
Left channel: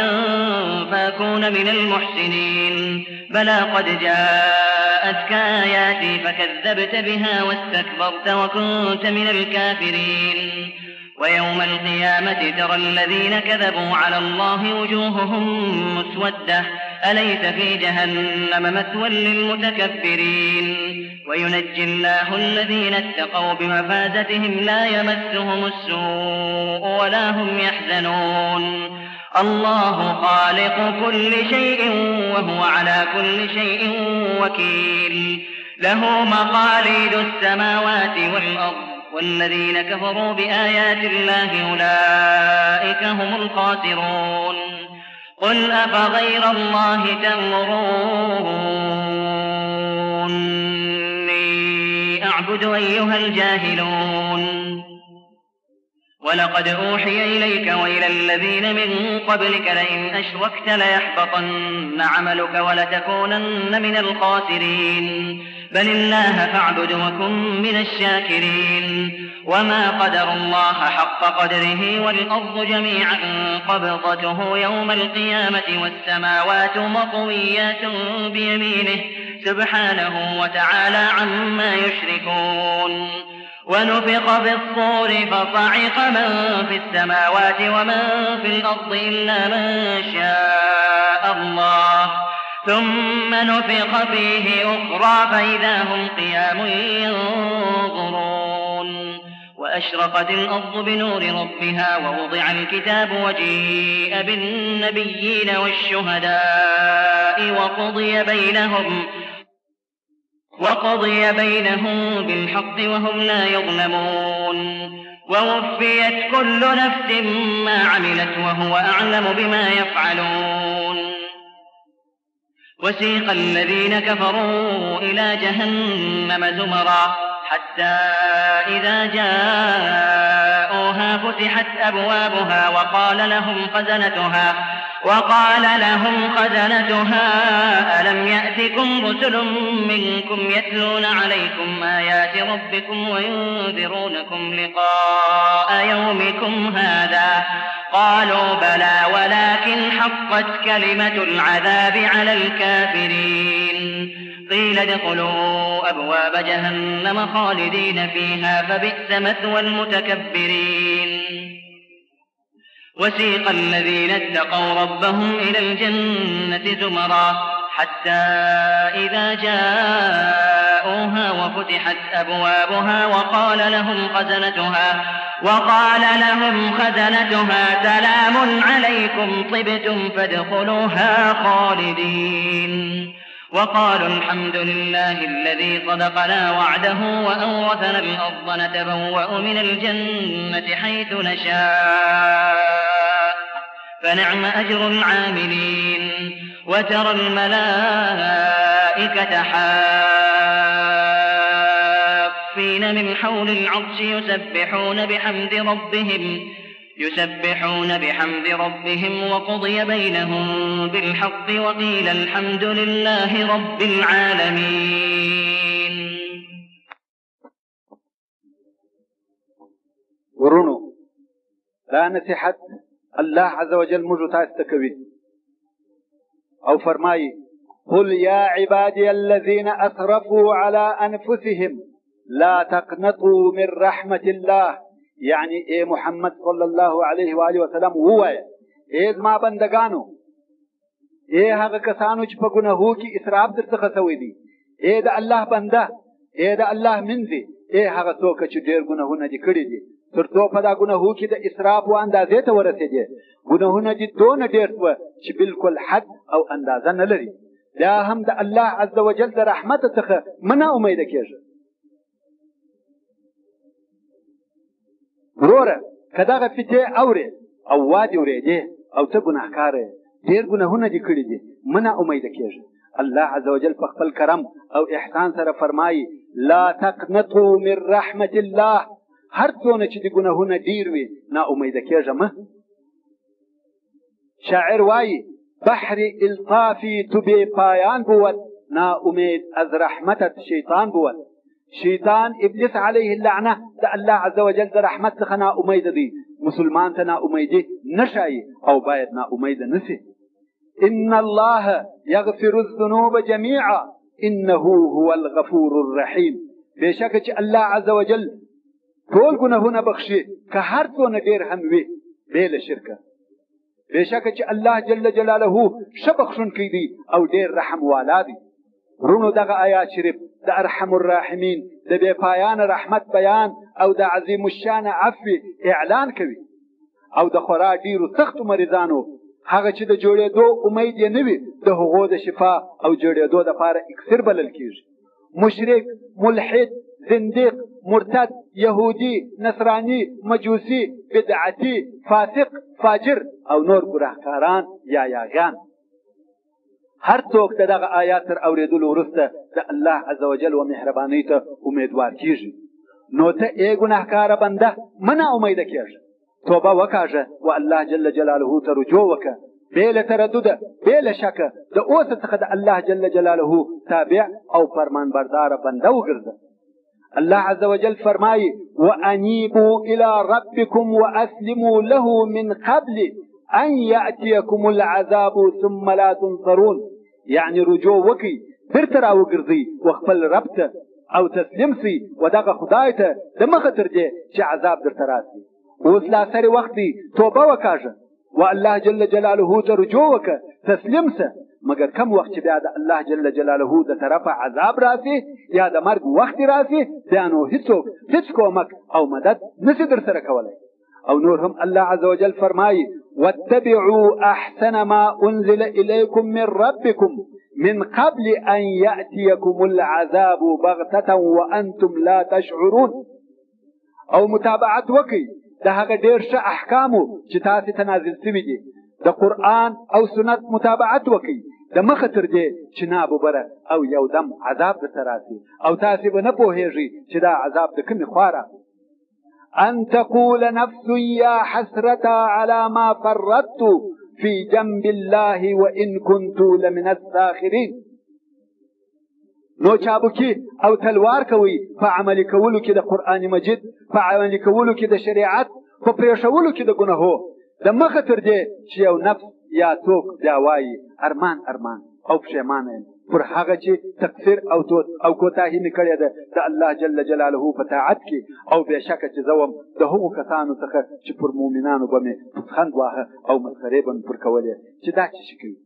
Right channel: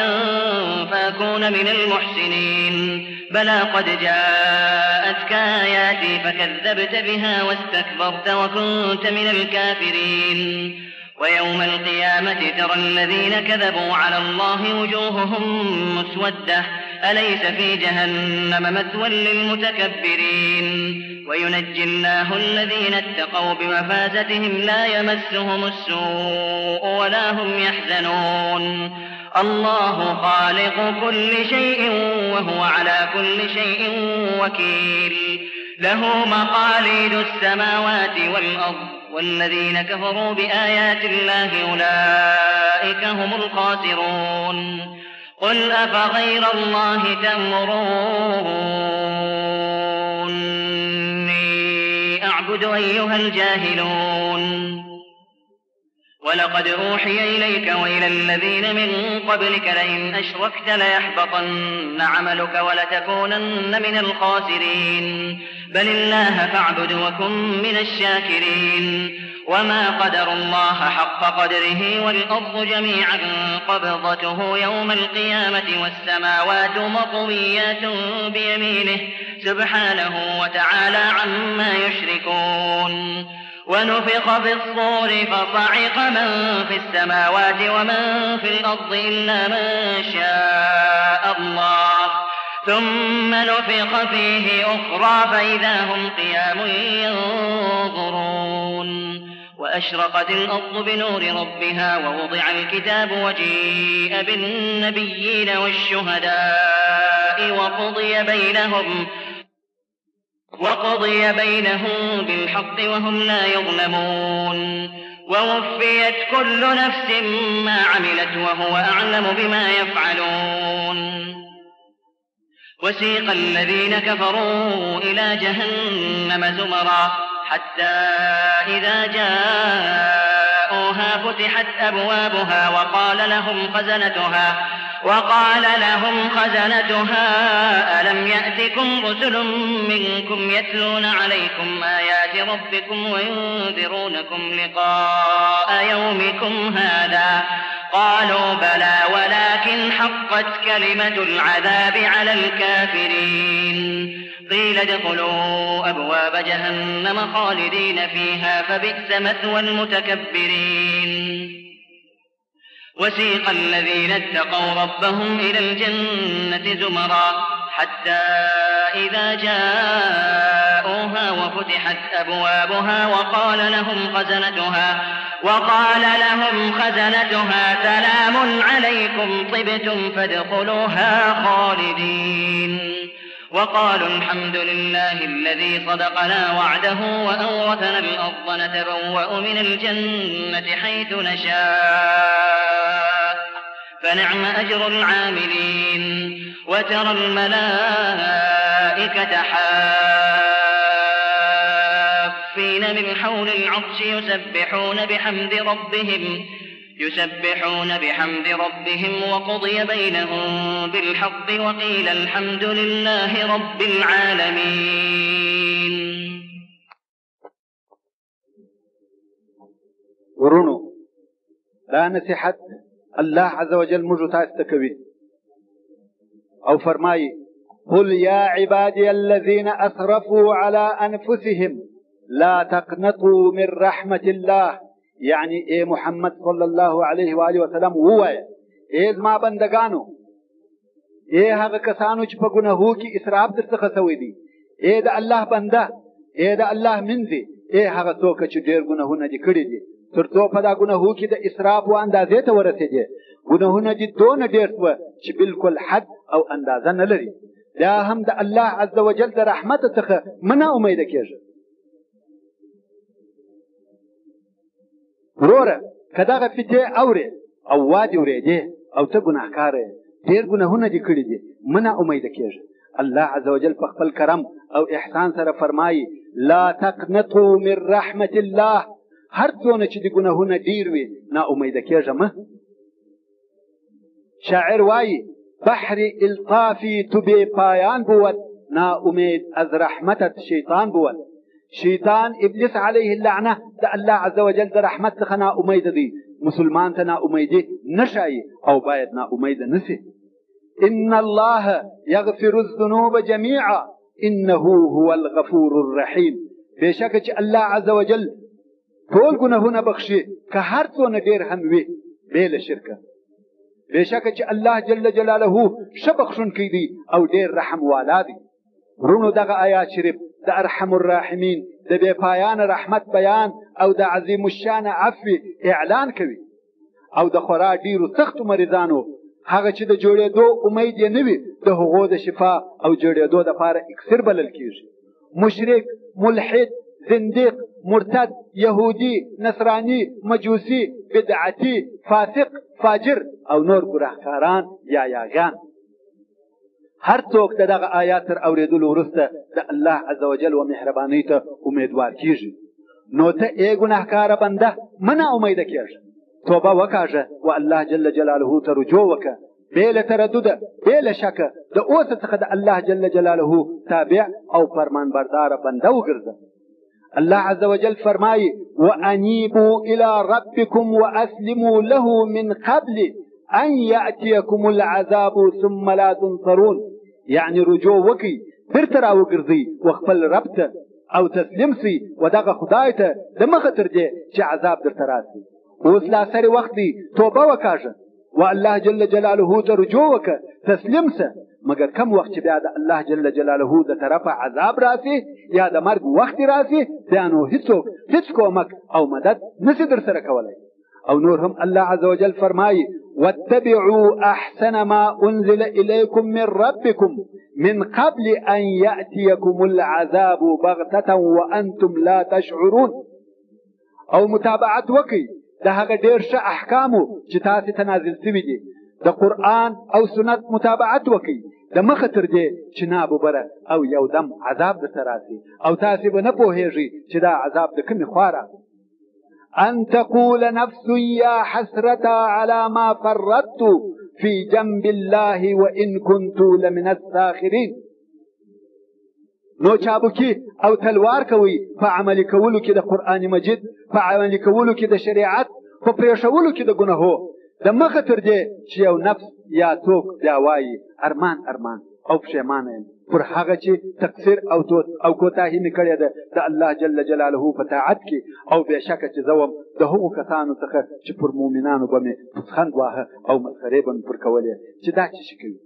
فأكون من المحسنين بلى قد جاءتك آياتي فكذبت بها واستكبرت وكنت من الكافرين ويوم القيامة ترى الذين كذبوا على الله وجوههم مسودة أليس في جهنم مثوى للمتكبرين وينجي الله الذين اتقوا بمفازتهم لا يمسهم السوء ولا هم يحزنون الله خالق كل شيء وهو على كل شيء وكيل له مقاليد السماوات والأرض والذين كفروا بآيات الله أولئك هم الخاسرون قل أفغير الله تأمروني أعبد أيها الجاهلون ولقد أوحي إليك وإلى الذين من قبلك لئن أشركت ليحبطن عملك ولتكونن من الخاسرين بل الله فاعبد وكن من الشاكرين وما قدر الله حق قدره والأرض جميعا قبضته يوم القيامة والسماوات مطويات بيمينه سبحانه وتعالى عما يشركون ونفخ في الصور فصعق من في السماوات ومن في الأرض إلا من شاء الله ثم نفخ فيه أخرى فإذا هم قيام ينظرون وأشرقت الأرض بنور ربها ووضع الكتاب وجيء بالنبيين والشهداء وقضي بينهم بالحق وهم لا يظلمون ووفيت كل نفس ما عملت وهو أعلم بما يفعلون وسيق الذين كفروا إلى جهنم زمرا حتى إذا جاءوها فتحت أبوابها وقال لهم خزنتها ألم يأتكم رسل منكم يتلون عليكم آيات ربكم وينذرونكم لقاء يومكم هذا قالوا بلى ولكن حقت كلمة العذاب على الكافرين قيل ادخلوا أبواب جهنم خالدين فيها فبئس مثوى المتكبرين وسيق الذين اتقوا ربهم إلى الجنة زمرا حتى إذا جاءوها وفتحت أبوابها وقال لهم خزنتها سلام عليكم طبتم فادخلوها خالدين وقالوا الحمد لله الذي صدقنا وعده وأورثنا الأرض نتبوأ من الجنة حيث نشاء فنعم أجر العاملين وترى الملائكة حافين من حول العرش يسبحون بحمد ربهم وقضي بينهم بالحق وقيل الحمد لله رب العالمين. ورونو لا نصيحت الله عز وجل مجتا استكوي او فرماي قل يا عبادي الذين اسرفوا على انفسهم لا تقنطوا من رحمة الله. يعني اے محمد صلی الله علیه و آله وسلم ووایه اے زما بندگانو، اے هغه کسانو چې په ګناهو کې اسراف درڅخه شوی دي، اے د الله بنده، اے د الله منځي، اے هغه څوک چې ډېر ګناهونه دي کړي دي تر څو په دا ګناهو کې د اسراف و اندازې ته ورسېدې. ګناهونه دي دونه ډېر شوه چې بالکل حد او اندازه نه لري. دا هم د الله عز وجل د رحمت څخه مه امیده کېږي. وروره که دغه فتې اورې او وادي اورېدې او ته ګناهکار یې، ډېر ګناهونه دې کړي دي، مه امیده کېږي. الله عز وجل په خپل کرم او احسان سره فرمایي لا تقنطوا من رحمة الله. هر څونه چې د ګناهونه ډېر وي نا امیده کېږه مه. شاعر وایي بحر الطافي تو بې پایان بود، نا امید از رحمتت شیطان بود. شیطان ابلیس علیه اللعنه د الله عز وجل د رحمت څخه نا امیده دی. مسلمان ته نا امیدي نشایي او باید نا امیده نسی. ان الله یغفر الذنوب جميعا انه هو الغفور الرحیم. بېشکه چې الله عز وجل ټول ګناهونه بخشي که هر څونه ډېر هم وي بې له شرکه. بېشکه چې الله جل جلاله ښه بخښونکی دی او ډېر رحم والا دی. ورونو دغه آیات شریف د ارحم الراحمین د بې پایانه رحمت بیان او د عظیم الشان عفو اعلان کوي. او د خورا ډېرو سختو مریضانو هغه چې د جوړېدو امید یې نه وي د هغو د شفا او جوړېدو دپاره اکسیر بلل کېږي. مشرک، ملحد، زنديق، مرتد، يهودي، نصراني، مجوسي، بدعتي، فاسق، فاجر او نور ګناهکاران یا یاګان هر څوک د دغه آیات تر اورېدلو وروسته د الله عز وجل و مهربانۍ ته امیدوار کېږي. نو ته ای ګناهکاره بنده مه نا امیده کېږه، توبه وکاږه و الله جل جلاله ته رجوع وکړه بې له تردده، بې له شکه د اوسه څخه د الله جل جلاله تابع او فرمانبرداره بنده وګرځه. الله عز وجل فرمایي وانیبوا الى ربکم واسلموا له من قبل ان یأتیکم العذاب ثم لا تنصرون. یعنی رجوع وکړئ، بیرته راوګرځئ و خپل رب ته او تسلیم سئ و دغه خدای ته د مخه تر دې چې عذاب درته راسي. اوس لا سری وخت دی، توبه وکاږه و الله جل جلاله ته رجوع وکړه، تسلیم سه. مګر کم وخت چې بیا د الله جل جلاله د طرفه عذاب راسي یا د مرګ وخت راسي بیا نو هیڅوک هیڅ کومک او مدد نشي در سره کولی. او نور هم الله عز وجل فرمایي واتبعوا احسن ما انزل اليكم من ربكم من قبل ان ياتيكم العذاب بغته وانتم لا تشعرون. او متابعت وکړئ د هغه ډېر ښه احکامو چې تاسې ته نازل شوي دي. د قرآن او سنت متابعت وکړئ د مخه تر دې چې ناببره او یو دم عذاب درته راسي او تاسې به نه پوهېږئ چې دا عذاب د کومې خوا راغی. ان تقول نفس یا حسرتا على ما فرطت في جنب الله وان كنت لمن الساخرين. نو چابکی او تلوار کوي په عملي کولو کې د قرآن مجید، په عملي کولو کې د شریعت، په پرېښولو کې د ګناهو د مخه تر دې چې یو نفس یا څوک بیا وایي ارمان ارمان او پښیمانه یم پر هغه چې تقصیر او کوتاهي مې کړې ده د الله جل جلاله په طاعت کې، او بېشکه چې زه وم د هغو کسانو څخه چې پر مؤمنانو به مې پوسخند واهه او مسخرې به مې پر کولې چې دا څه شي کوي.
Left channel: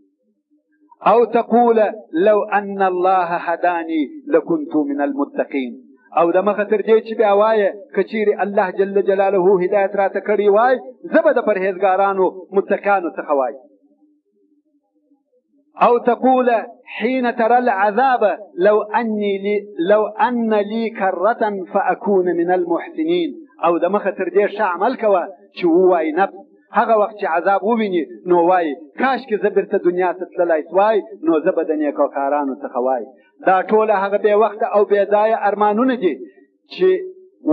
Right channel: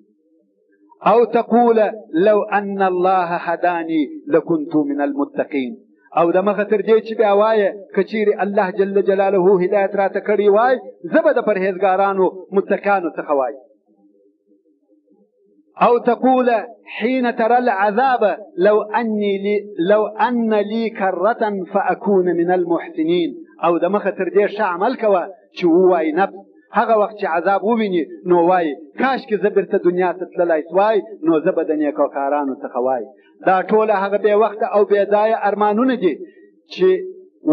او تقول لو ان الله هداني لكنت من المتقين. او د مخه تر دې چې بیا وایه که چیرې الله جل جلاله هدایت راته کړی وای زه به د پرهیزګارانو متقیانو څخه وای. أو تقول حين ترى العذاب لو أن لي كرة فأكون من المحسنين. او د مخه تر دې ښه عمل کوه چې ووایي نفس هغه وخت چې عذاب وویني نو وایي کاشکې زه بیرته دنیا ته تللی سوای نو زه به د نیکوکارانو څخه وای. دا ټوله هغه بې وخته او بې ځایه ارمانونه دي چې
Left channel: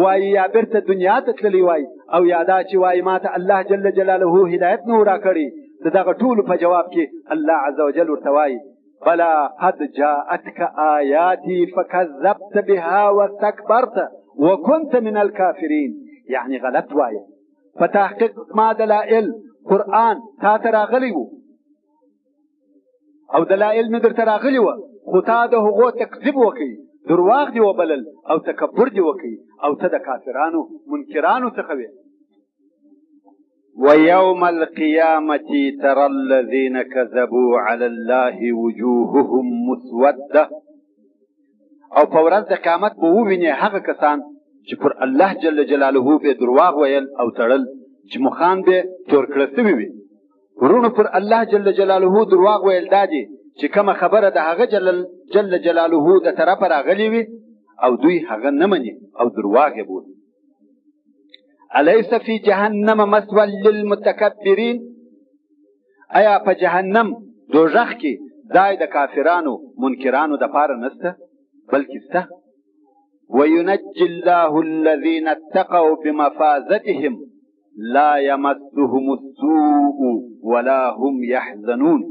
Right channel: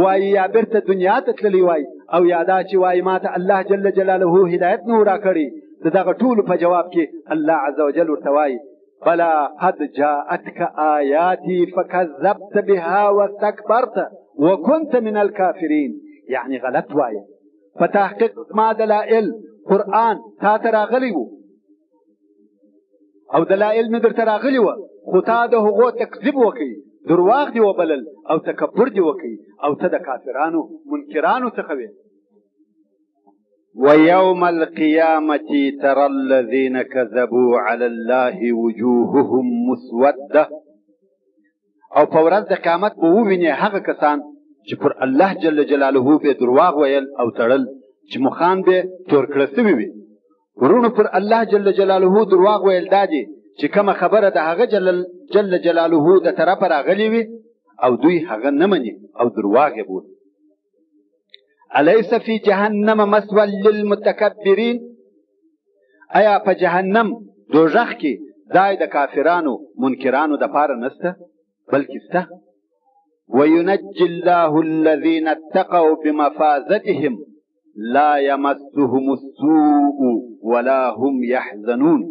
وایي یا بیرته دنیا ته تللی وای او یا دا چې وایي ما ته الله جل جلاله هدایت نه راکړي. د دغه ټولو په جواب کې الله عز وجل ورته وایي بلا قد جاءتك آياتي فكذبت بها واستكبرت وكنت من الكافرين. يعني غلط وايه فتحقيق ما دلائل قرآن تا تراغلی وو او دلائل ندر تراغلی وو خو تا د هغو تکذیب وکي درواغ دی وبلل او تکبر دی وکي او ته د کافرانو منکرانو څخه وې. ويوم القيامة ترى الذين كذبوا على الله وجوههم مسودة. او په ورځ د قیامت به وویني هغه کسان چې پر الله جل جلاله به درواغ ویل او تړل چې مخان به تور کړه سوي وي. ورونو پر الله جل جلاله درواغ ویل دا دي چې کومه خبره د هغه جل جلاله د طرفه راغلي وي او دوی هغه نه مني او درواغ یې بولي. أليس في جهنم مثوى للمتكبرين؟ ایا په جهنم دوزخ کې ځای د کافرانو منکرانو د پاره نسته بلکې سته. وينجي الله الذين اتقوا بمفازتهم لا يمسهم السوء ولا هم يحزنون.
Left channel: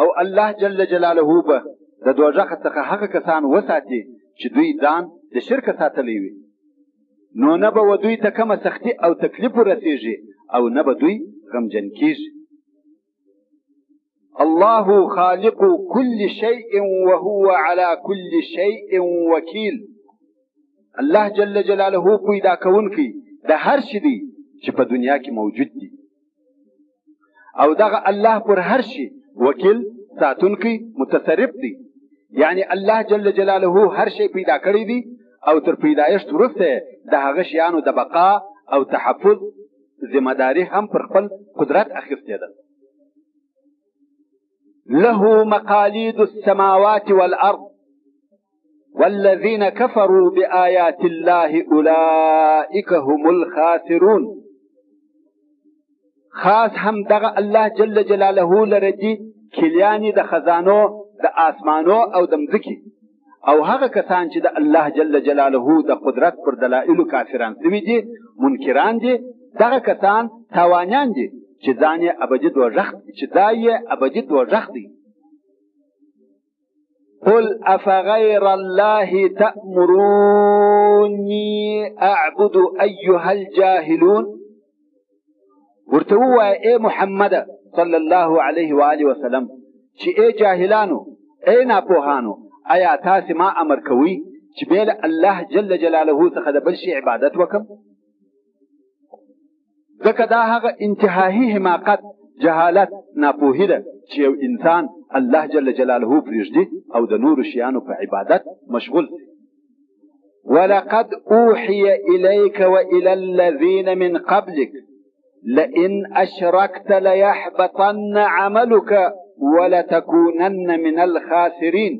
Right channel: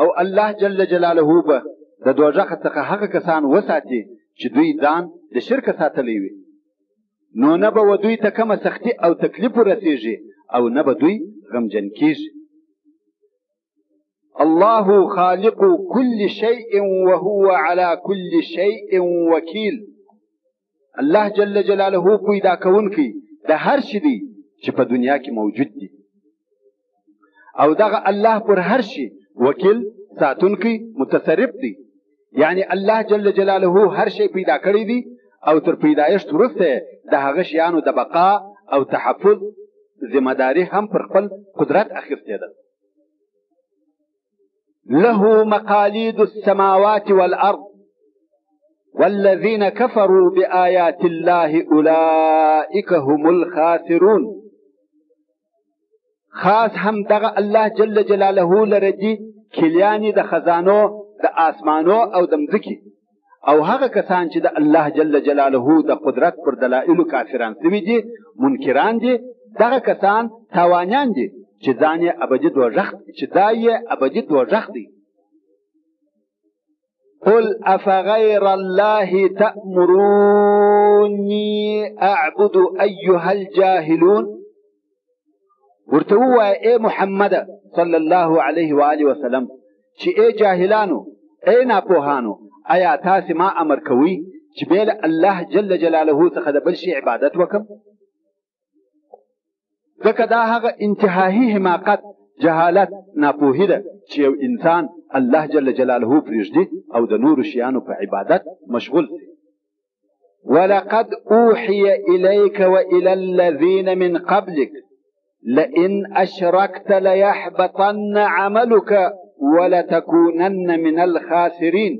او الله جل جلاله به د دوزخ څخه هغه کسان وساتي چې دوی ځان د شرک ساتلی وي نو نه به دوی ته کومه سختي او تکلیف ورسیږي او نه به دوی غمجن کیږي. الله خالق كل شيء وهو على كل شيء وكيل. الله جل جلاله پیدا کوونکی د هر شي دی چې په دنیا کې موجود دی او دغه الله پر هر شي وکیل ساتونکی متصرف دی. یعنی الله جل جلاله هر شي پیدا کړی دی او تر پیدایشت وروسته د هغه شیانو د بقا او تحفظ ذمہ داری هم پر خپل قدرت اخیستې ده. له مقاليد السماوات والأرض والذين كفروا بآيات الله أولئك هم الخاسرون. خاص هم دغه الله جل جلاله لرجي کلیانی د خزانو د آسمانو او د مځکې او هغه کسان چې د الله جل جلاله د قدرت پر دلایلو کافران سوي دي منکران دي دغه کسان تاوانیان دي چې ځان یې ابدي دوزخ چې ځای یې ابدي دوزخ دی. قل افغير الله تأمروني اعبد ايها الجاهلون. ورته ووایه ای محمد صلی الله علیه و آله وسلم چې ای جاهلانو ای ناپوهانو ایا تاسې ما امر کوي چې بېله الله جل جلاله څخه د بل شي عبادت وکم؟ ځکه دا هغه انتهایی حماقت جهالت ناپوهي ده چې یو انسان الله جل جلاله پرېږدي او د نورو شیانو په عبادت مشغول دی. ولقد اوحي اليك والى الذين من قبلك لئن اشركت ليحبطن عملك ولتكونن من الخاسرين.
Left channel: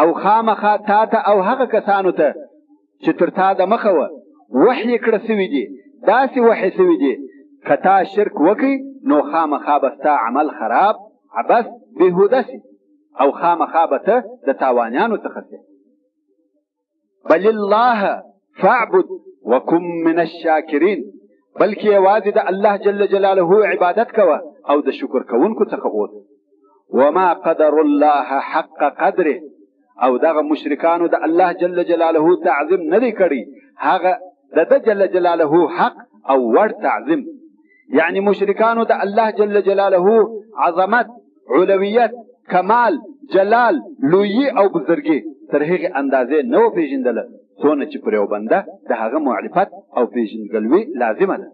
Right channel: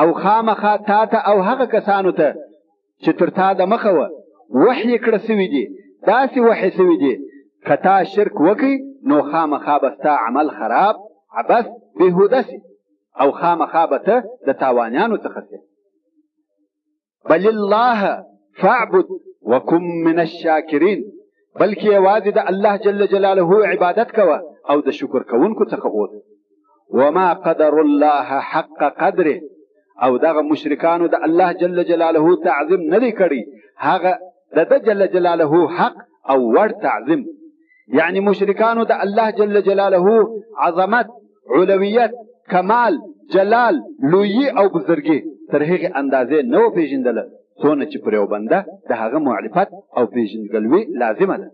او خامخا تا ته او هغه کسانو ته چې تر تا د مخه وه وحی کړه سوي دي داسې وحی سوي دي که تا شرک وکړي نو خامخا به ستا عمل خراب عبث بېهوده سي او خامخا به ته د تاوانیانو څخه سي. بل الله فاعبد وكن من الشاکرین. بلکې یوازې د الله جل جلاله عبادت کوه او د شکر کوونکو څخه اوسه. وما قدر الله حق قدره. او دغه مشرکانو د الله جل جلاله تعظیم نه دی کړی هغه د جل جلاله حق او ور تعظیم. یعنی مشرکانو د الله جل جلاله عظمت علویت کمال جلال لویی او بزرګي تر هغه اندازې نه و پیژندله څونه چې پر یو بنده د هغه معرفت او پیژندګلوي لازمه ده.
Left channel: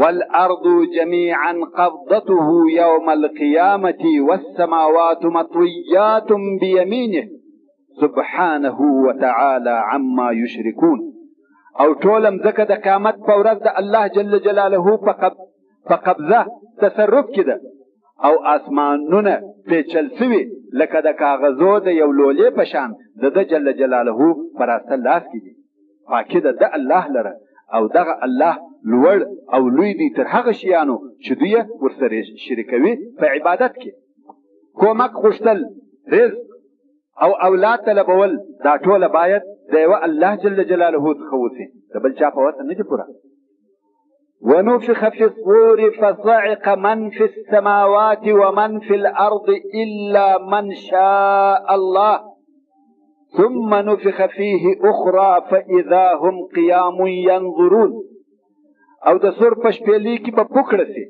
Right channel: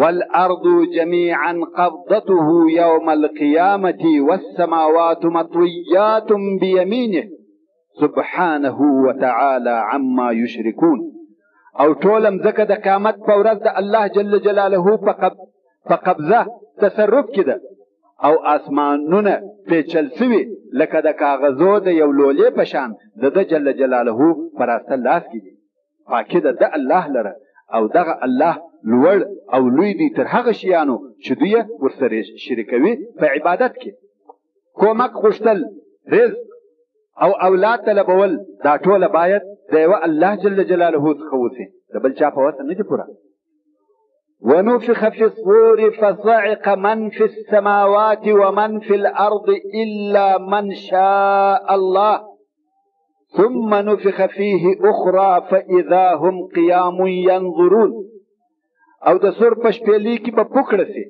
والأرض جميعا قبضته يوم القيامة والسماوات مطويات بيمينه سبحانه وتعالى عما يشركون. او ټول مځکه د قیامت په ورځ د الله جل جلاله په قبضه تصرف کې ده او اسمانونه پیچل سوي لکه د کاغذو د یو لولې په شان د ده جل جلاله په راسته لاس کې دي. پاکي د ده الله لره او دغه الله لوړ او لوی دی تر هغه شیانو چې دوی ورسره شریکوي په عبادت کې. کومک غوښتل، رزق او اولاد طلبول دا ټوله باید د یوه الله جل جلاله څخه وسي، د بل چا په وسه نه دي پوره. ونفخ في الصور فصعق من في السماوات ومن في الأرض إلا من شاء الله ثم نفخ فيه أخرى فإذا هم قيام ينظرون. او د سور په شپېلۍ کې به پوکړه سي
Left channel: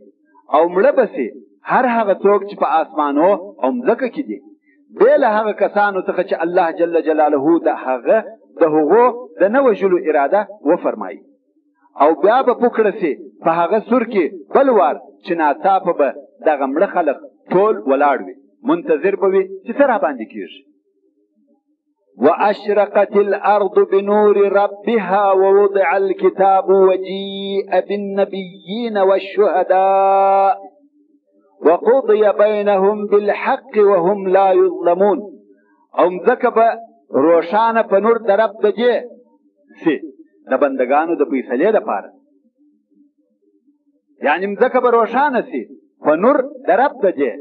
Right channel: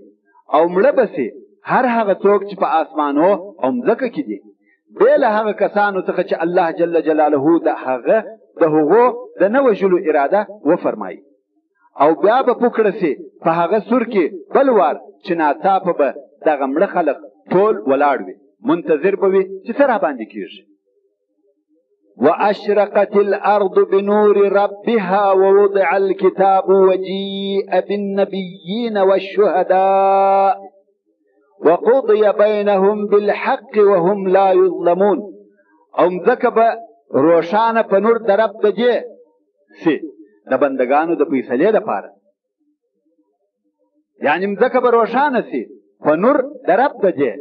او مړه به سي هر هغه څوک چې په آسمانو او مځکه کې دي، بې له هغه کسانو څخه چې الله جل جلاله د هغو د نه وژلو اراده وفرمایي. او بیا به پوکړه سي په هغه سور کې بل وار چې ناڅاپه به دغه مړه خلق ټول ولاړ وي، منتظر به وي چې څه راباندې کېږي. وأشرقت الأرض بنور ربها ووضع الكتاب وجيء بالنبيين والشهداء وقضي بينهم بالحق وهم لا يظلمون. او مځکه به روښانه په نور د رب د دې سي د بندګانو د فیصلې لپاره، یعنی مځکه به روښانه سي په نور د رب د دې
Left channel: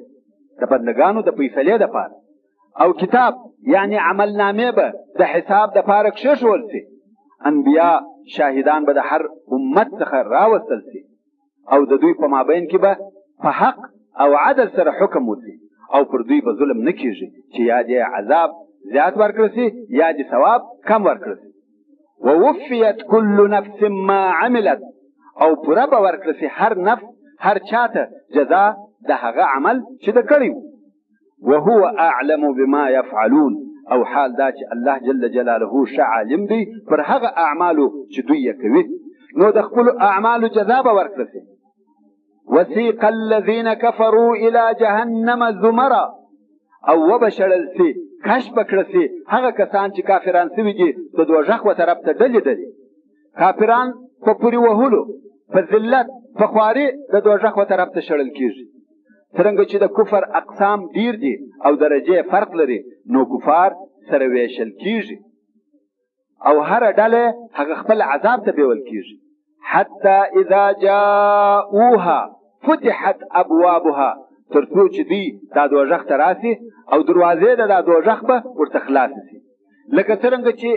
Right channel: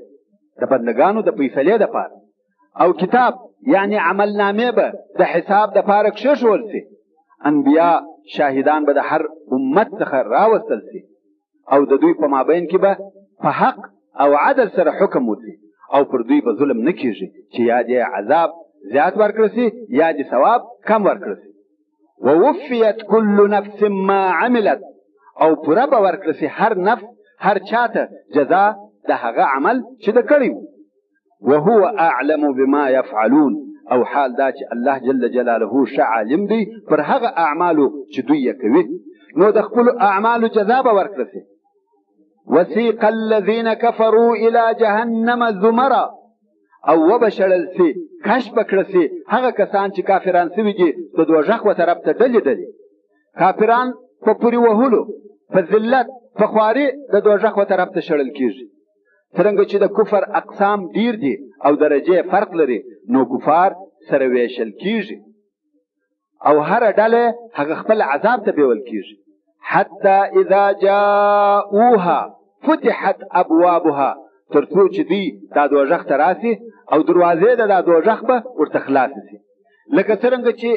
د بندګانو د فیصلې لپاره. او کتاب یعنی عمل نامې به د حساب د پاره کښېښول سي. انبیا شاهدان به د هر امت څخه راوستل سي او د دوی په مابین کې به په حق او عدل سره حکم وسي او پر دوی به ظلم نه کېږي چې یا دې عذاب زیات ورکړه سي یا دې ثواب کم ورکړه سي. ووفیت كل نفس ما عملت، او پوره به ورکړه سي هر نفس هر چاته جزا د هغه عمل چې د کړی و. وهو اعلم بما يفعلون، او حال دا چې الله جل جلاله ښه عالم دی پر هغه اعمالو چې دوی یې کوي، نو د خپلو اعمالو جزا به ورکړه سي. وسيق الذين كفروا الى جهنم زمرا، او وبشړل سي کش بکړه سي هغه کسان چې کافران سوي دي د دوزخ و طرف ته ډلې ډلې. کافران په پورې وهلو، په ذلت، په خواري د دوزخ و طرف ته شړل کېږي. څرنګه چې د کفر اقسام ډیر دي او درجې فرق لري، نو کفار سره ویشل کېږي او هر ډله هغه خپل عذاب ته بیول کېږي. حتی اذا جاءوها فتحت ابوابها، تر څو چې دوی دا دوزخ ته راسي او دروازې د دا دوزخ به ورته خلاصې سي. لکه څرنګه چې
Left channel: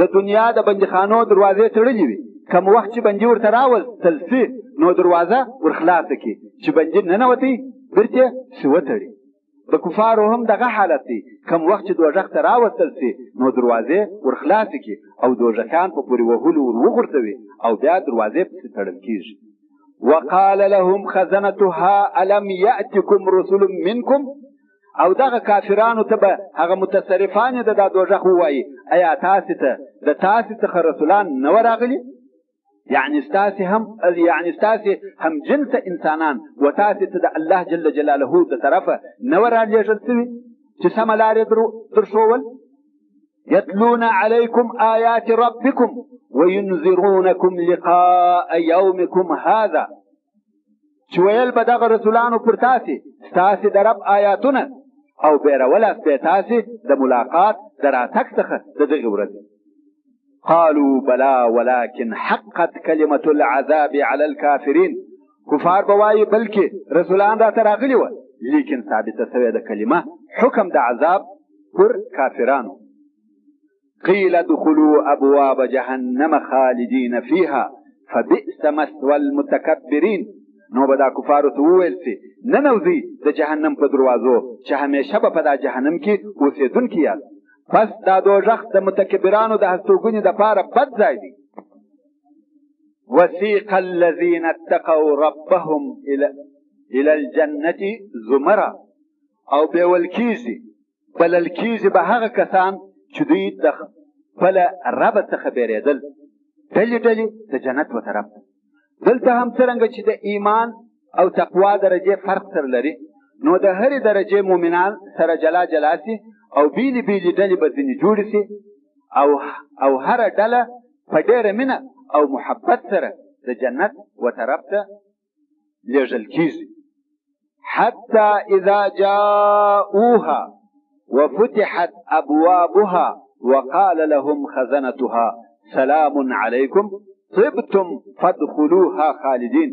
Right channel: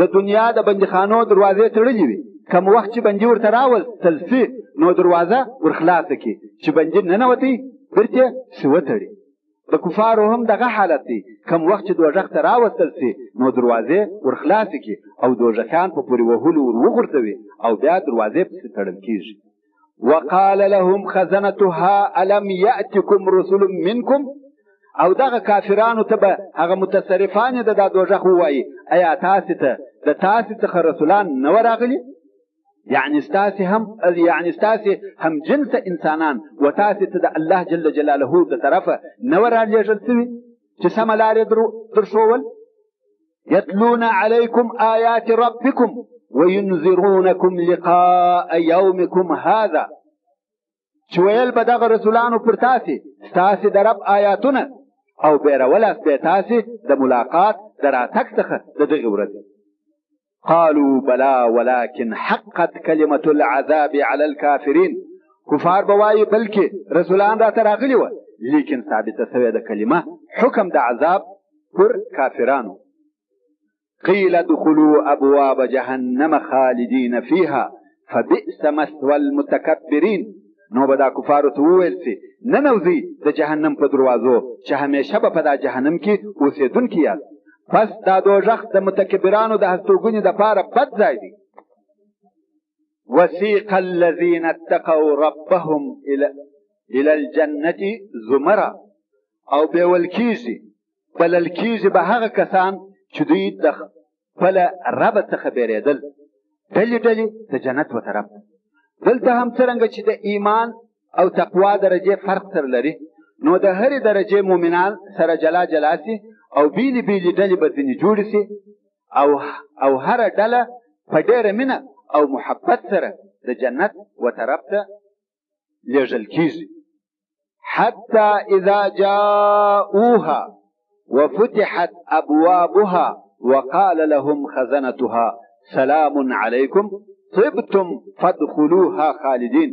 د دنیا د بندیخانو دروازې تړلې وي، کوم وخت چې بندي ورته راوستل سي نو دروازه ورخلاصه کړي، چې بندي ننوتي بیرته سي وتړي. د کفارو هم دغه حالت دی، کوم وخت چې دوزخ ته راوستل سي نو دروازې ورخلاصې کړي او دوزخیان په پورې وهلو ور وغورځوي او بیا دروازې پسې تړل کېږي. وقال لهم خزنتها الم ياتكم رسل منكم، او دغه کافرانو ته به هغه متصرفان د دا دوزخ ووایي ایا تاسې ته د تاسې څخه رسولان نه ورغلي؟ یعنی ستاسې هم جنس انسانان و تاسې ته د الله جل جلاله د طرفه نه ورالېږل سوي چې سمه لارې درښول. يتلون عليكم آيات ربكم وينذرونكم لقاء يومكم هذا، چې ویل به دغه رسولانو پر ستاسې د رب آیاتونه او بیرولست به تاسې د ملاقات د راتګ څخه د دغې ورځې. قالوا بلا ولكن حقت كلمة العذاب على الكافرين، کفار به وایي بلکې رسولان راته راغلي وه، لیکن ثابته سوې د کلمه حکم د عذاب پر کافرانو. قيل ادخلوا ابواب جهنم خالدين فيها فبئس مثوى المتكبرين، نو به دا کفارو ته وویل سي ننوځئ د جهنم په دروازو چې همیشه به په دا جهنم کې اوسېدونکي یاست، پس دا دوزخ د متکبرانو د هستوګنې دپاره بد ځای دی. وسيق الذين اتقوا ربهم الى الجنة زمرا، او بیول کېږي بلل کېږي به هغه کسان چې دوی د خپل رب څخه بیرېدل ډلې ډلې د جنت و طرف. دلته هم څرنګه چې د ایمان او تقوا درجې فرق سره لري، نو د هرې درجې مؤمنان سره جلا جلا سي او بیلې بیلې ډلې به ځینې جوړې سي او هره ډله په ډېره مینه او محبت سره د جنت و طرف ته لېږل کېږي. حتى اذا جاءوها وفتحت ابوابها وقال لهم خزنتها سلام عليكم طبتم فادخلوها خالدين.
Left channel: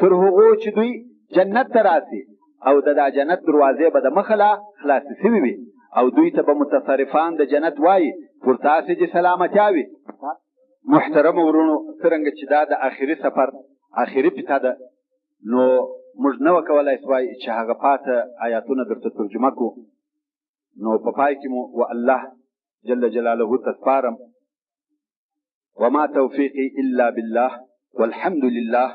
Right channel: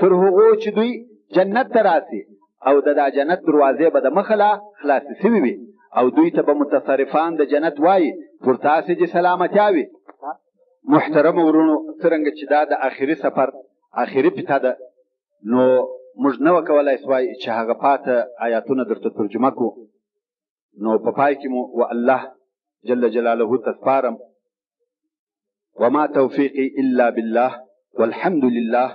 تر هغو چې دوی جنت ته راسي او د جنت دروازې به د مخله خلاصې شوي وي او دوی ته به متصرفان د جنت وایي پر تاسې دې سلامتیا وي. محترم ورونو، څرنګه چې دا د آخري سفر آخري پیته ده، نو موږ نه وکولای سوای چې هغه پاته آیاتونه درته ترجمه کړو. نو په پای کې مو و الله جل جلاله ته سپارم. وما توفیقي الا بالله والحمد لله